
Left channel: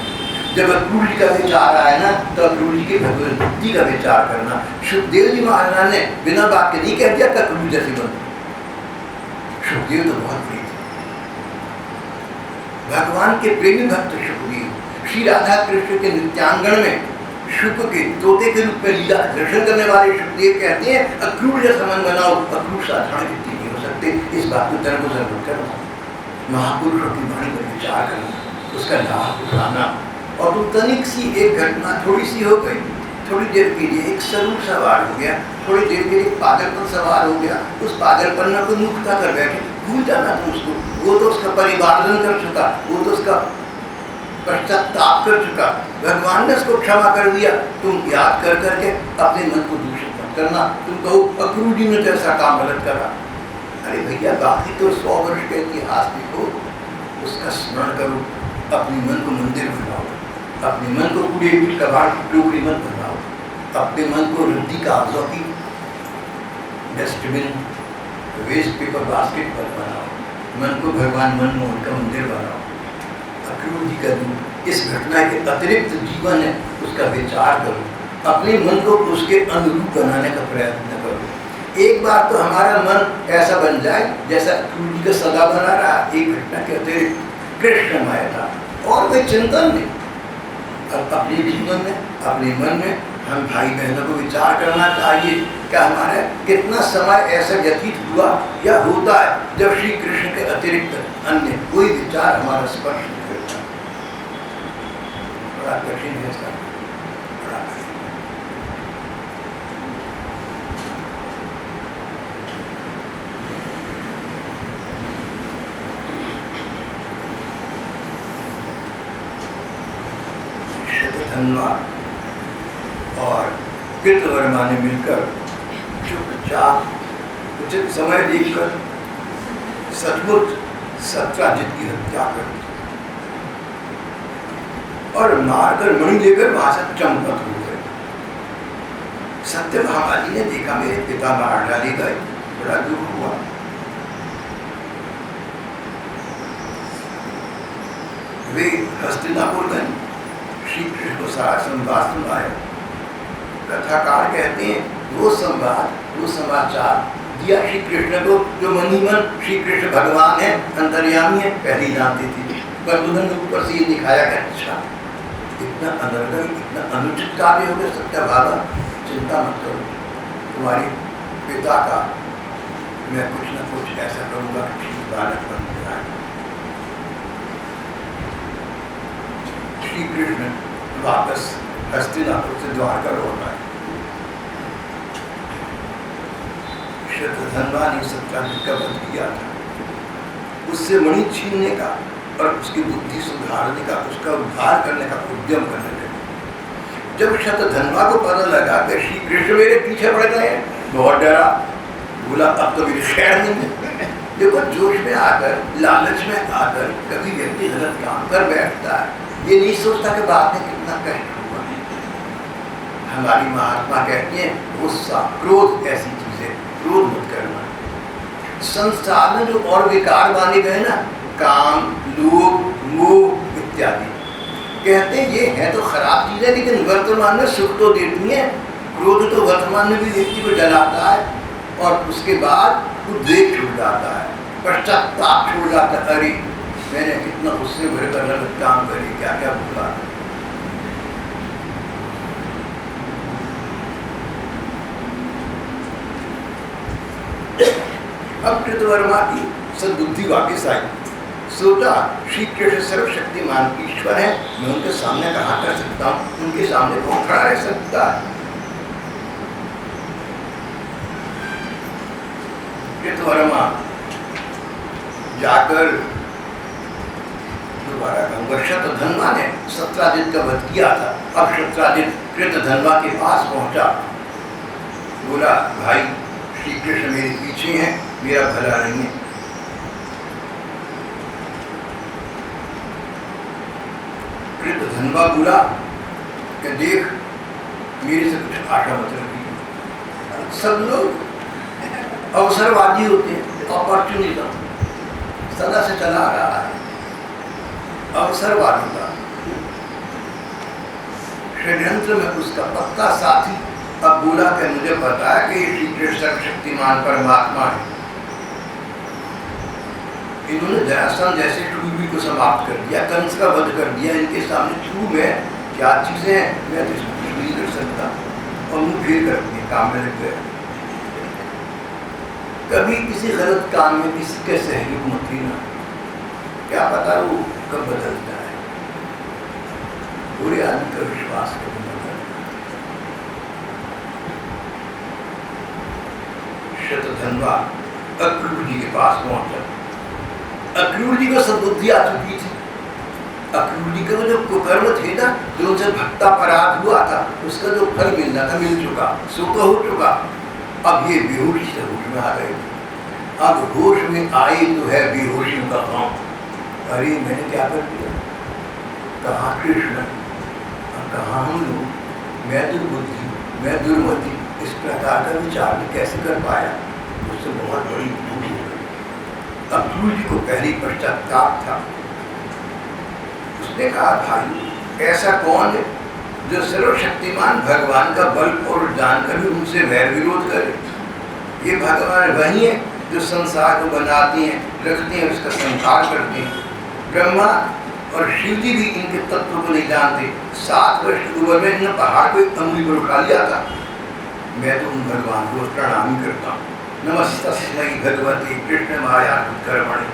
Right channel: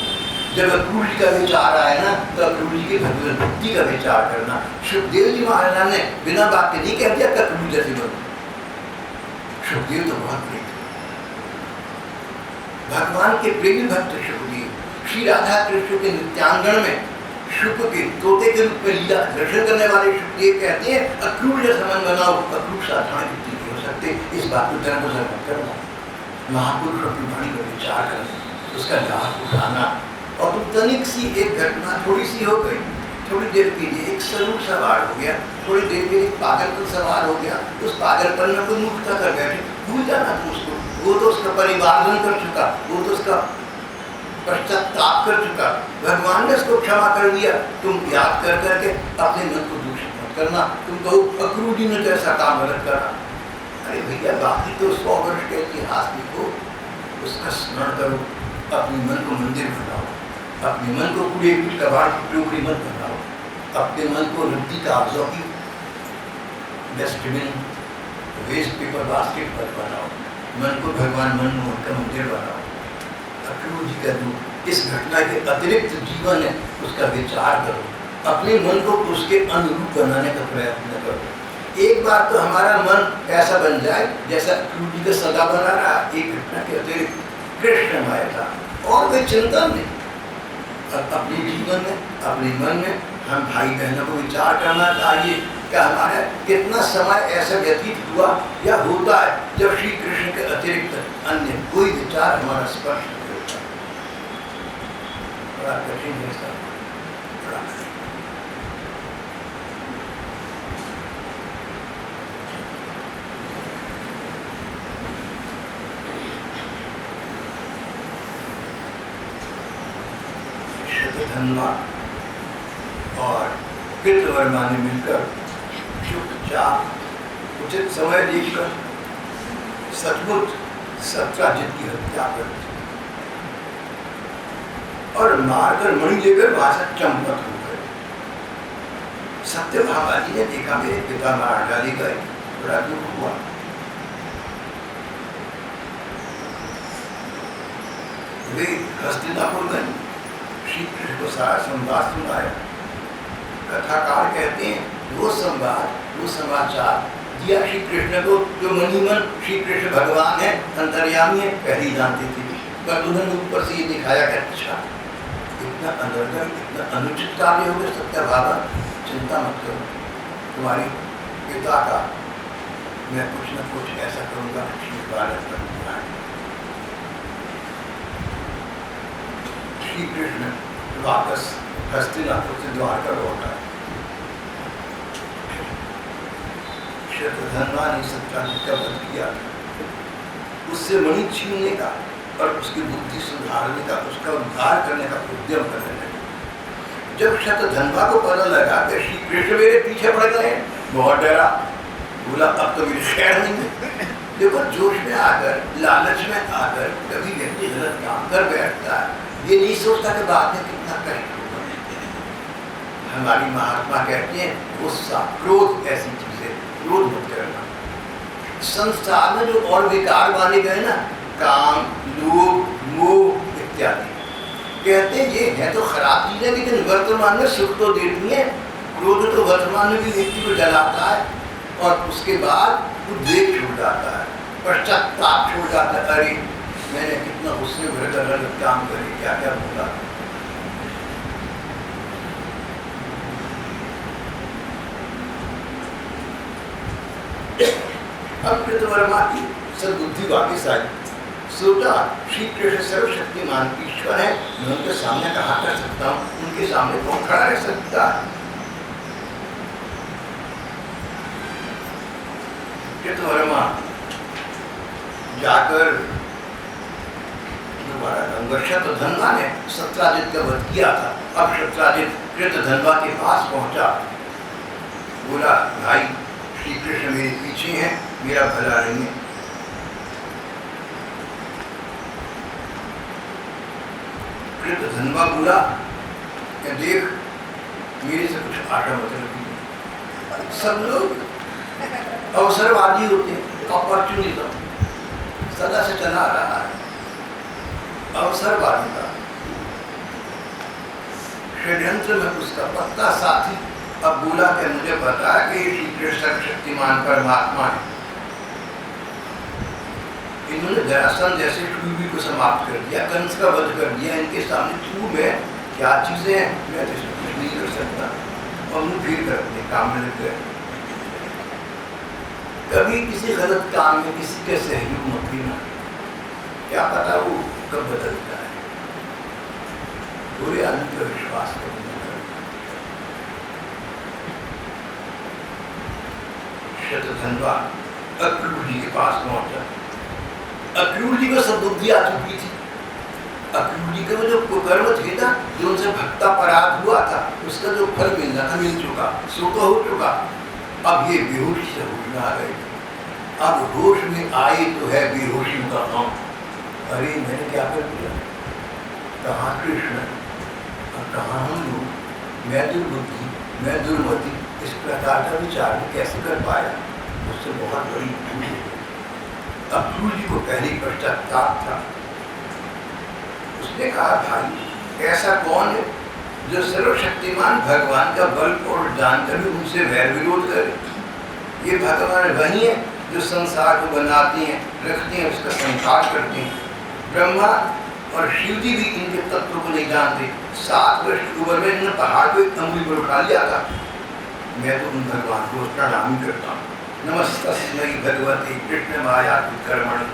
जब अक्रूर जी का विचार आया ना तो अक्रूर जी की भगवत भक्ति का विचार करना। सुखदेव जी महाराज ने बिना बात के नहीं कह दिया कि अक्रूर जैसे बनो। सुखदेव तो बहुत प्रिय थे, भगवान के प्रेमी भक्त सुखदेव। श्री राधा कृष्ण के नित्यांगन में शुक के तोते के रूप में लीला दर्शन करने वाले सुखदेव कहते हैं अक्रूर जैसा मन बनाओ। अक्रूर साधारण व्यक्ति नहीं हो सकते। इस बात को दरगुजर मत करना, महापुरुषों की वाणी पर विचार करना, उसका लाभ उठाना। और तुम तनिक सी एक घटना थोड़ी सी हो गई, थोड़ी देर के लिए एक स्वरूप सवार हो गया, थोड़ी देर के लिए पागलपन सवार हो गया, उस पागलपन में कोई मुक्ता कर बैठे, भूल जाना तुम उसको। वो तो उसका परिवार्जन कर चुका, वो तो उसका पश्चाताप कर चुका, भगवान ने उसको क्षमा कर दिया। तुम याद कर करके अपने मन को दूषित मत करना। तुम कहो अक्रूर जी ने तो ऐसा काम गलत करा। अरे भैया, बाकी तो 100 वर्ष का इतिहास देखो, उसका स्मरण करो, अपने मन को मंदिर बनाओ, अपने मन को पूरे कबाड़ की टोकरी मत बनाओ, अपने मन को रद्दी कागजों की डस्टबिन, वेस्ट पेपर बास्केट मत बनाओ, मन को भगवान मनमोहन का मंदिर बनाओ। अक्रूर जी का इस घटना के अतिरिक्त जीवन है, उसका विचार करो, अपने मन को उसके अनुरूप बनाने का प्रयत्न करो। एक बार तो हमारा मन ऐसा बन जाए जैसा अक्रूर जी का सदा बना रहा। एक घटना के अतिरिक्त कृष्णमय था और कोई चिंतन नहीं। अपने जीवन में, अपने मन में हम भाई बहनों को विचार करना चाहिए कि हमारा कितना समय ऐसा व्यतीत हुआ या होता है जब श्री कृष्ण के अतिरिक्त अन्य कोई विचार हमारा स्पर्श नहीं करता। बड़ा कठिन है सर, बड़ा कठिन। धन्वा और कृतवर्मा ने मिलकर चुपचाप उचित समय देखकर सचमुच सत्राजित की हत्या कर दी और मारकर मणि लेकर वहां से चंपत हो गए। सत्यभामा जी ने देखा मेरे पिता मार डाले गए, बड़ा दुख हुआ। वे हस्तिनापुर गए, श्री कृष्ण को सारा संवाद सुनाया। कथाकार कहते हैं वो संवाद, वो समाचार दिया श्री कृष्ण को, जो मनीमन श्री कृष्ण भगवान है, अंतर्यामी है, पहले ही जानते थे। पर उन्होंने ऊपर से ये दिखाया कि अच्छा इतना अनर्गल, इतना अनुचित कार्य हो गया। सत्यभामा, चिंता मत करो, तुम्हारे पिता का मैं कुछ न कुछ ऐसा करूँगा कि ठीक बालक बन जाए। श्री कृष्ण वापस हस्तिनापुर से द्वारका लौट आए। शतधन्वा ने सत्याजित का वध किया था, उससे मणि छीनने का और उसकी बुद्धि सुधारने का, उसका उद्धार करने का उद्यम करने लगे। जब शतधन्वा को पता लगा कि श्री कृष्ण मेरे पीछे पड़ गए, बहुत डरा, बोला अब तो मेरी खैर नहीं है। देखो, जोश में आकर, लालच में आकर कभी व्यक्ति गलत काम कर बैठता है, ये नहीं सोचता कि बाद में कितना कष्ट होगा। हमारी महात्मा कहती हैं गुस्सा, क्रोध ऐसी चीज है, क्रोध मत करना। संसार में जो और विकार माने गए ना, काम, लोभ, मोह इत्यादि, कहते हैं ये है तो खराब चीज है, लेकिन वर्तमान में सुख तो देती है। क्रोध तो वर्तमान में भी व्यक्ति को जलाता है और उसके बाद उद्वेग छूट जाता है, पश्चाताप छूट जाता है। अरे मैंने कितना गुस्से भरकर गलत काम करे, क्या क्या बोला। अब कृतवर्मा की सद्बुद्धि वापिस आई। सोचा श्री कृष्ण सर्वशक्तिमान ईश्वर है, मैं उनके सामने कहाँ कर सकता हूँ, उनके सामने कौन खड़ा रह सकता है। कृतवर्मा जाकर दोबारा कहूँगा, शतधन्वा ने सत्राजित का वध किया था। अब सत्राजित कृतधन्वा के पास पहुंचा, बोला भाई श्री कृष्ण मेरे पीछे हैं, मेरा भला नहीं है। कृतधन्वा बोला कि देख मेरे से कुछ आशा मत रखिए। सब लोग अवसरवादी होते हैं, अपॉर्चुनिज्म सदा से चला रहा है, अवसरवादिता। षड्यंत्र में उसका पक्का साथी अब बोला कि मुझे पता है कि श्री कृष्ण सर्वशक्तिमान परमात्मा है। इन्होंने जरासंध जैसे शूरवीर को समाप्त कर दिया, कंस का वध कर दिया। इनके सामने तू मैं क्या चीजें हैं, मैं तो इसको कुछ नहीं कर सकता, और मुंह फेर कर अपने काम में लग गए। कभी किसी गलत काम में किसी के सहयोग मत लेना, क्या पता वो कब बदलता है। बुरे आदमी का विश्वास कभी न करना। शतधन्वा अक्रूर जी के पास पहुंचा। अक्रूर जी को सद्बुद्धि आ चुकी थी। अक्रूर जी का जो कुकर्म थे ना, जो उनसे भक्तापराध हुआ था, उसका जो फल मिलना था मिल चुका, सो तो हो चुका। अब ये बेहोशी से होश में आ गए। अब होश में आए तो है बेहोशी का काम। अरे मैंने क्या कर दिया, कहाँ कृष्ण, कहाँ हम लोग, मैं दुर्बुद्धि, मैं दुर्मति, इस प्रकार का विचार में कैसे कर पाया, मुझसे बहुत बड़ी भूल हो गई। अक्रूर जी को पहली पश्चाताप था। उसने कहा, भाई ऐसा कौन है जो सर्वशक्तिमान भगवान का बल और जानकर भी उनसे वैर विरोध करे। ये भगवान वही है जो संसार को बनाते हैं, रखते हैं, उसका संहार करते हैं। ब्रह्मा और शिव जी भी इनके तत्व को नहीं जानते। 7 वर्ष की उम्र में इन्होंने पहाड़ को एक अंगुली पर उठा लिया था। मैं तो उन भगवान को प्रणाम ही करता हूँ। नमस्तस्मै भगवते कृष्ण माया कर्मणि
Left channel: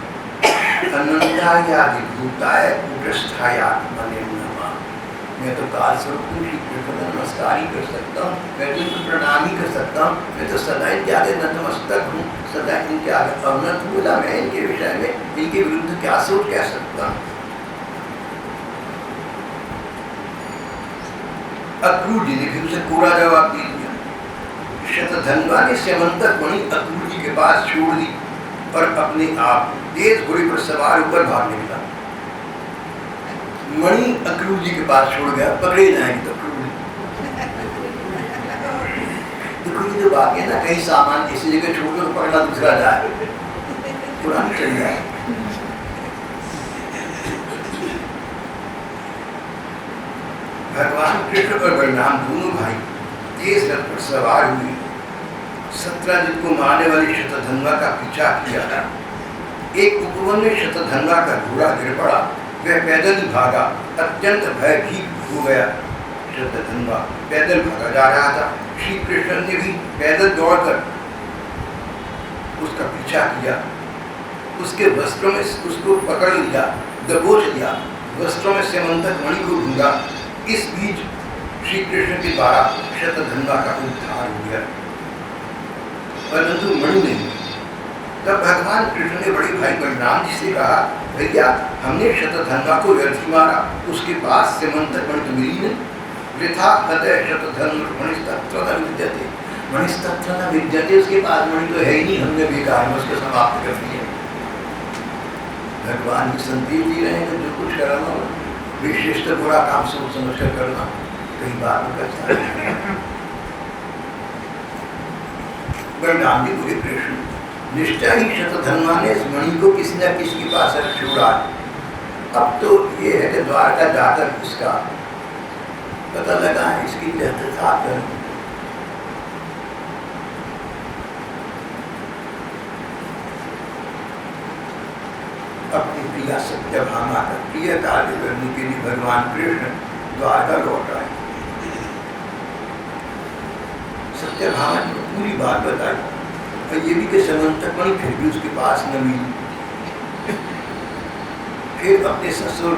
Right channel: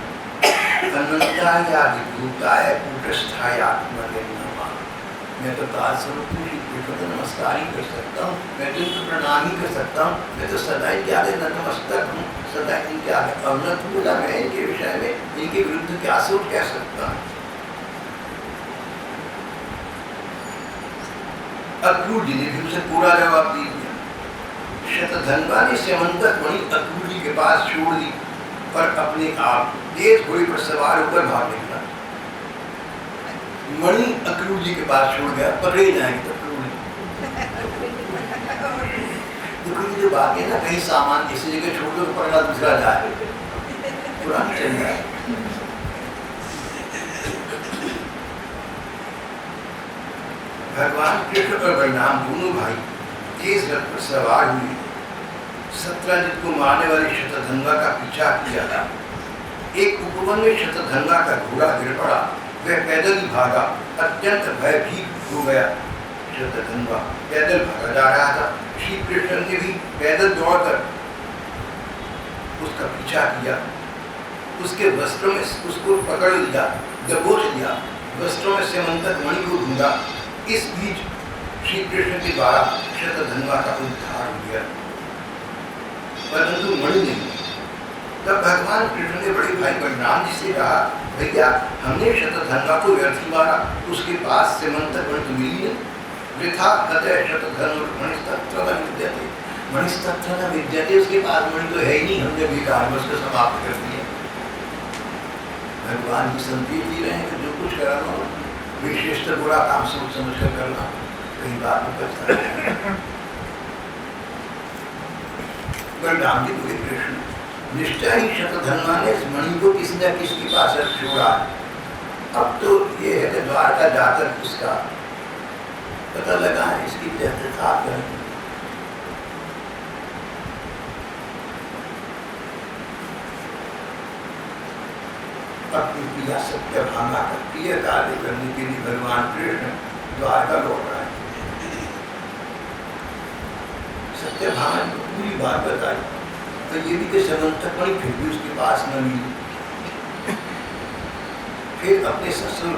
अनंतायादि भूताय कूटस्थाय आत्मने नमः। मैं तो काल स्वरूप श्री कृष्ण को नमस्कार ही कर सकता हूँ, मैं तो इनको प्रणाम ही कर सकता हूँ। मैं तो सदा इनके आगे नतमस्तक हूँ, सदा इनके आगे अवनत बोला। मैं इनके विषय में, इनके विरुद्ध क्या सोच कह सकता हूँ। अक्रूर जी ने भी उसे पूरा जवाब दे दिया। शतधन्वा ने स्यमंतक मणि अक्रूर जी के पास छोड़ दी और अपने आप तेज घोड़े पर सवार होकर भाग निकला। मणि अक्रूर जी के पास छोड़ गया, पकड़े जाएंगे तो अक्रूर जी। देखो ये जो बात है ना, कहीं सामान इसी जगह छोड़ दो तो पकड़ा दूसरा जाए, पुरानी चल जाए। भगवान कृष्ण और बलराम दोनों भाई तेज रथ पर सवार हुए। सत्यजित को मारने वाले शतधन्वा का पीछा किया। एक उपवन में शतधन्वा का घोड़ा गिर पड़ा। वह पैदल ही भागा, अत्यंत भयभीत हो गया। शतधन्वा पैदल भागा जा रहा था। श्री कृष्ण ने भी पैदल दौड़कर उसका पीछा किया। उसके वस्त्रों में उसको पकड़ लिया, दबोच लिया, वस्त्रों में स्यमंतक मणि को ढूंढा। इस बीच श्री कृष्ण के द्वारा शतधन्वा का उद्धार हो गया, परंतु मणि नहीं। तब भगवान कृष्ण ने बड़े भाई बलराम जी से कहा, भैया हमने शतधन्वा को व्यर्थ ही मारा, उसके पास स्यमंतक मणि तो मिली नहीं। वृथा हृदय शतधनुर् मणिस्तत्र न विद्यते, मणिस्तत्र न विद्यते, उसके पास मणि तो है ही नहीं, हमने बेकार में उसको समाप्त कर दिया। भगवान की संदेश दे रहे हैं कि जो कुछ करना हो विशेषतर बुरा काम सोच समझ कर करना, कहीं बात में पछताना। बलराम जी बोले, कृष्ण निश्चय ही शतधन्वा ने इस मणि को किसी न किसी के पास छोड़ा। अब तो ये है कि द्वारका जाकर इसका पता लगा है, इसकी तहकीकात करें। अपनी प्रिया सत्यभामा का प्रिय कार्य करने के लिए भगवान कृष्ण द्वारका लौट आए। सत्यभामा को पूरी बात बताई और ये भी कि स्यमंतक मणि फिर भी उसके पास न मिली। फिर अपने ससुर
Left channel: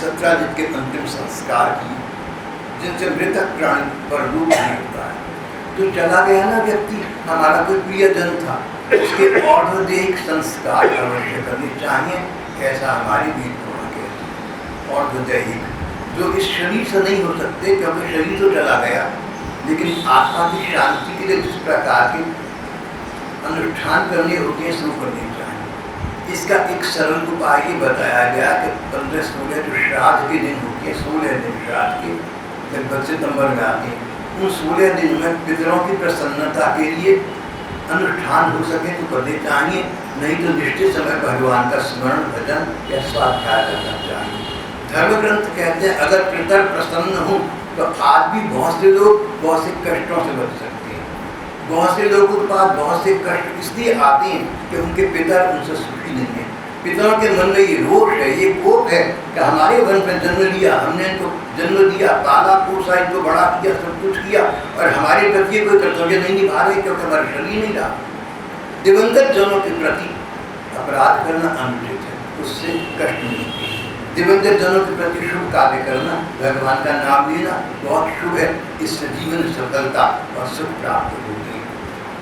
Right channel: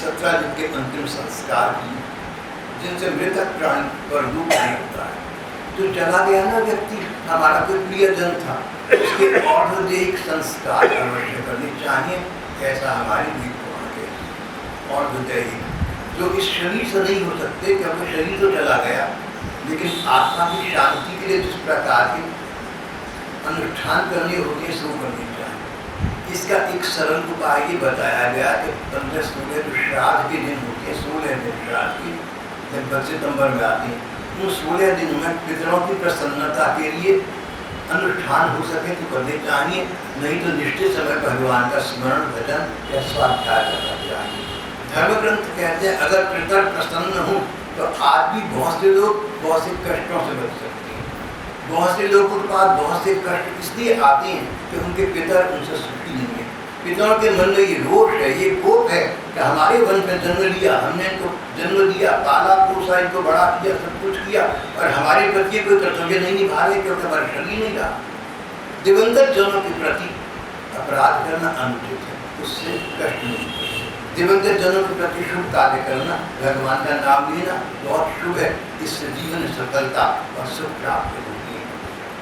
सत्यजित के अंतिम संस्कार किए, जिनसे मृतक प्राणी पर रूप नहीं होता है। तो चला गया ना व्यक्ति, हमारा कोई प्रियजन था, उसके और्ध्वदेहिक संस्कार अवश्य करने चाहिए, ऐसा हमारी भी होना कहती है। और्ध्वदेहिक जो इस शरीर से नहीं हो सकते, क्योंकि शरीर तो चला गया, लेकिन आत्मा की शांति के लिए जिस प्रकार के अनुष्ठान करने होते हैं शुरू करने चाहिए। इसका एक सरल उपाय ये बताया गया कि 15-16 जो श्राद्ध के दिन होते हैं, 16 दिन श्राद्ध के लगभग सितंबर में आते हैं, उन 16 दिन में पितरों की प्रसन्नता के लिए अनुष्ठान हो सके तो करने चाहिए, नहीं तो निश्चित समय भगवान का स्मरण भजन या स्वाध्याय करना चाहिए। धर्म ग्रंथ कहते हैं अगर पितर प्रसन्न हो तो आज भी बहुत से लोग बहुत से कष्टों से बच सकते हैं। बहुत से लोगों के पास बहुत से कष्ट इसलिए आते हैं कि उनके पितर उनसे सुखी नहीं है। पितरों के मन में ये रोष है, ये कोप है कि हमारे वन में जन्म लिया, हमने इनको जन्म दिया, पाला पोसा, इनको बड़ा किया, सब कुछ किया, और हमारे प्रति कोई कर्तव्य नहीं निभा रहे क्योंकि हमारा शरीर नहीं रहा। दिवंगत जनों के प्रति अपराध करना अनुचित है, उससे कष्ट नहीं। दिवंगत जनों के प्रति शुभ कार्य करना, भगवान का नाम लेना बहुत शुभ है, इससे जीवन सफलता और सुख प्राप्त होती है।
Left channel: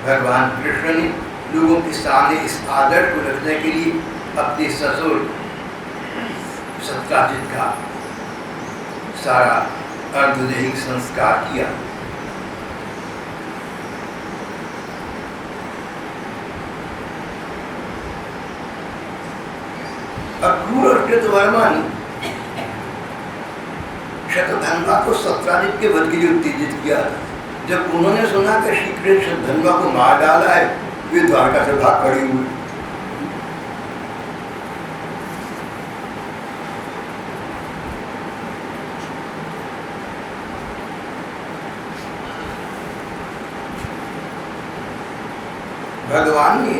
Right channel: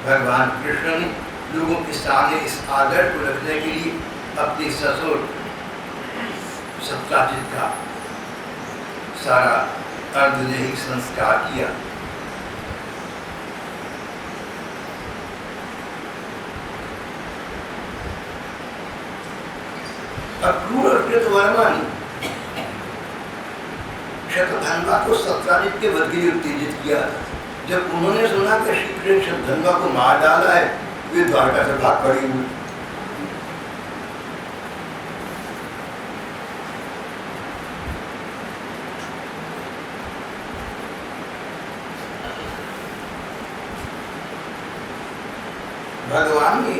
भगवान कृष्ण ने लोगों के सामने इस आदर्श को रखने के लिए अपने ससुर सत्राजित का सारा अर्धदैहिक संस्कार किया। अक्रूर और कृतवर्मा ने शतधन्वा को सत्राजित के वध के लिए उत्तेजित किया था। जब उन्होंने सुना कि श्री कृष्ण शतधन्वा को मार डाला है, वे द्वारका से भाग खड़े हुए। भगवान ने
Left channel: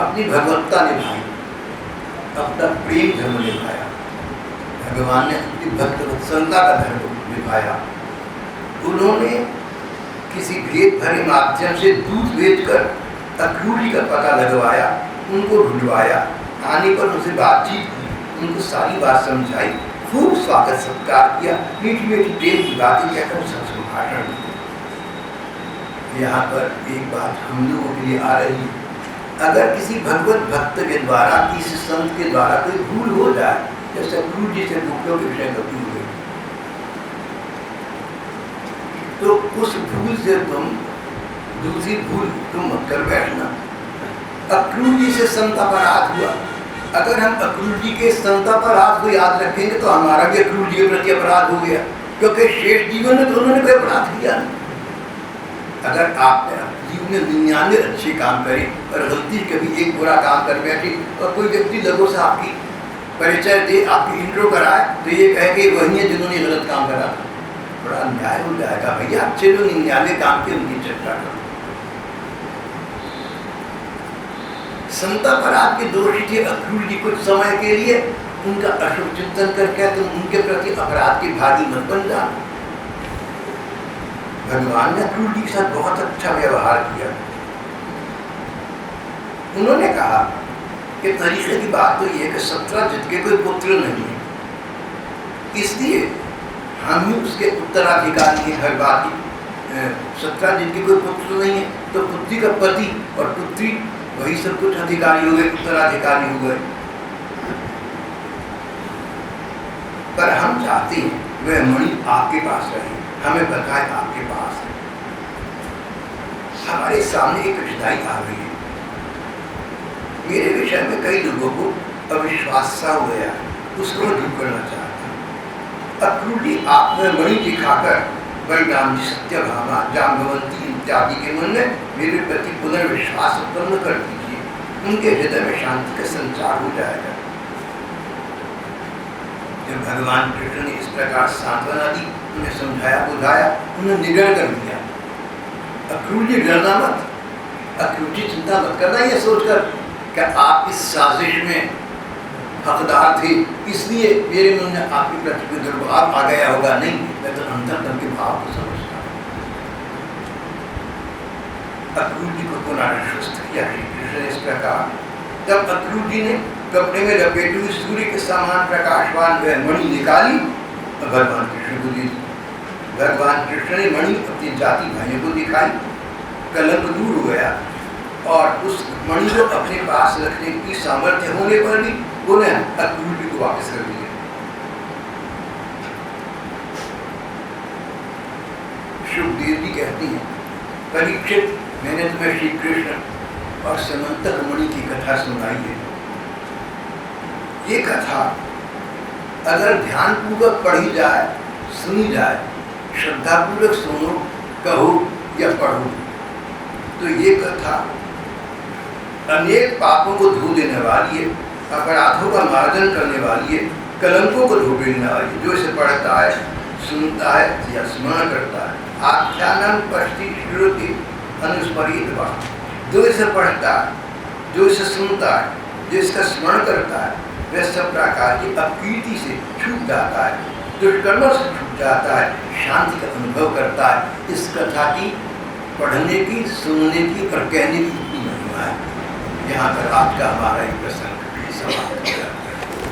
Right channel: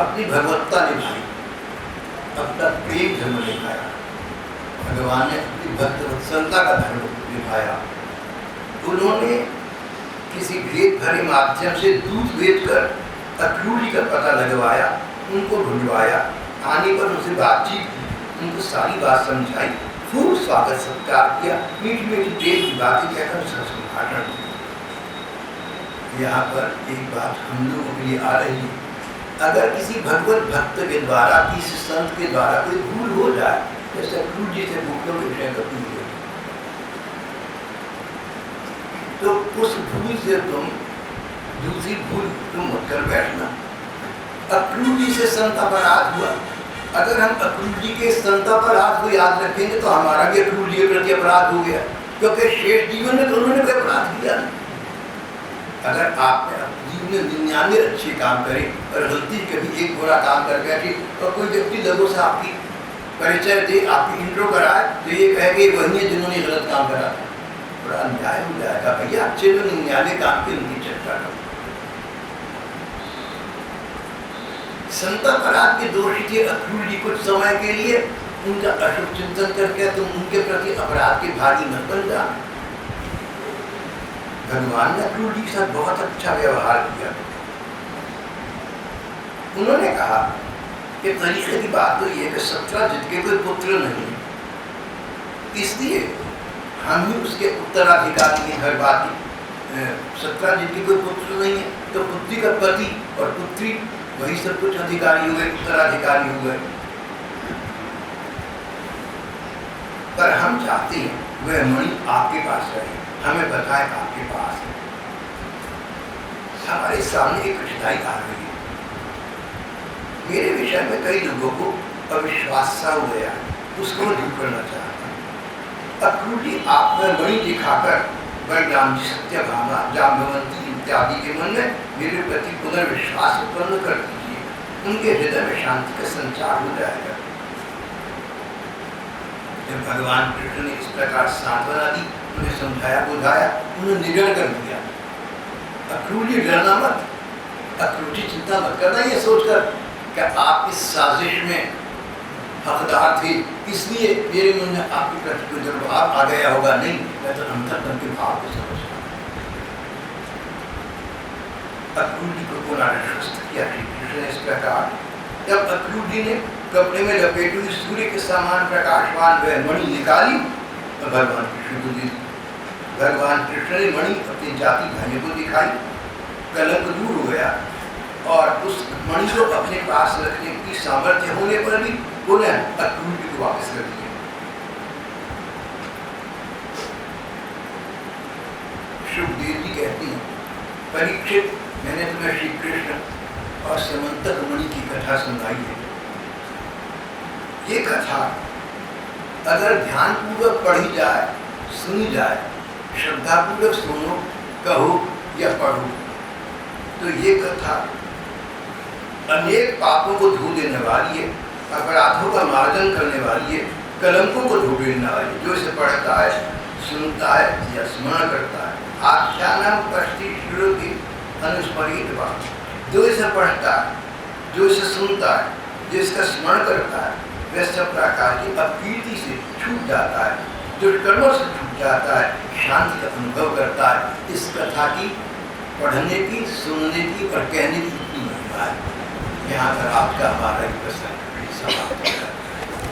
अपनी भगवत्ता निभाई, अपना प्रेम धर्म निभाया। भगवान ने अपनी भक्त वत्सलता का धर्म निभाया। उन्होंने किसी भेद भरे माध्यम से दूध बेचकर अक्रूर जी का पता लगवाया, उनको ढूंढवाया, आने पर उनसे बातचीत की, उनको सारी बात समझाई, खूब स्वागत सत्कार किया, मीठी मीठी प्रेम की बातें कहकर उनसे संभाषण किया। यहाँ पर एक बात हम लोगों के लिए आ रही है, अगर किसी भगवत भक्त के द्वारा, किसी संत के द्वारा कोई भूल हो जाए, जैसे अक्रूर जी से भूखों के विषय करती हुई, तो उस भूल से तुम दूसरी भूल तुम मत कर बैठना। अक्रूर जी से संत अपराध हुआ, अगर हम अक्रूर जी के संत अपराध को याद रखेंगे तो हमारा भी अक्रूर जी के प्रति अपराध हो गया, क्योंकि शेष जीवन में तो उन्होंने कोई अपराध किया नहीं। अगर आपने जीवन में 99 अच्छे काम करे और गलती कभी एक बुरा काम कर बैठे और कोई व्यक्ति लोगों से आपकी परिचय दे, आपकी इंट्रो कराए, तो ये कहे कि वही है जिन्होंने गलत काम करा था, बड़ा अन्याय हो जाएगा। भैया अच्छे जो 99 काम के उनकी चर्चा करो। संत अपराध के दोषी थे अक्रूर जी, कुछ समय के लिए उनका अशुभ चिंतन करके तुम उनके प्रति अपराध के भागी मत बन जाना। भगवान ने अक्रूर जी के साथ बहुत अच्छा व्यवहार किया। उन्होंने कहा कि तरीके की बात तो ये है कि सत्राजित के कोई पुत्र नहीं है, इसलिए हम ही उसके उत्तराधिकारी हैं। हर बात की सत्राजित के कोई पुत्र नहीं है, तो पुत्री का पति और पुत्री वही सब कुछ अधिकारी हो गए, उत्तराधिकारी हो गए। पर हम चाहते हैं वह मणि आपके पास रहे, हमें बताए आपके पास है। हमारे सामने एक कठिनाई आ गई है, मेरे विषय में कई लोगों को अविश्वास सा हो गया है, उसको मैं दूर करना चाहता हूँ। अक्रूर जी आप में मणि दिखाकर बलराम जी, सत्यभामा, जाम्बवंती इत्यादि के मन में मेरे प्रति पुनर्विश्वास उत्पन्न कर दीजिए, उनके हृदय में शांति का संचार हो जाएगा। जब भगवान कृष्ण ने इस प्रकार सांत्वना दी, उन्हें समझाया बुझाया, उन्हें निडर कर दिया। अक्रूर जी डरना मत, अक्रूर जी चिंता मत करना ये सोचकर कि आप इस साजिश में हकदार थे, इसलिए मेरे मन में आपके प्रति कोई दुर्भाव आ गया होगा। नहीं, मैं तो अंतर्गत के भाव को समझता हूँ। अक्रूर जी को पुनराश्वस्त किया श्री कृष्ण ने इस प्रकार। तब अक्रूर जी ने कपड़े में लपेटे हुए सूर्य के समान प्रकाशवान वह मणि निकाली और भगवान कृष्ण को दी। भगवान कृष्ण ने मणि अपने जाति भाइयों को दिखाई, कलंक दूर हो गया और उस मणि को अपने पास रखने की सामर्थ्य होने पर भी पुनः अक्रूर जी को वापस कर दिया। सुखदेव जी कहती हैं, परीक्षित, मैंने तुम्हें श्री कृष्ण और समंतक मणि की कथा सुनाई है। ये कथा अगर ध्यानपूर्वक पढ़ी जाए, सुनी जाए, श्रद्धापूर्वक सुनो, कहो या पढ़ो, तो ये कथा अनेक पापों को धो देने वाली है, अपराधों का मार्जन करने वाली है, कलंकों को धो देने वाली है। जो इसे पढ़ता है, सुनता है या स्मरण करता है, आख्यानम पश्ति श्रुति अनुस्मरित वा, जो इसे पढ़ता है, जो इसे सुनता है, जो इसका स्मरण करता है, वह सब प्रकार की अपकीर्ति से छूट जाता है, दुष्कर्मों से छूट जाता है, शांति का अनुभव करता है। इस कथा की पढ़ने की, सुनने की और कहने की इतनी महिमा है। यहाँ पर आज का हमारा एक प्रसंग समाप्त हो गया।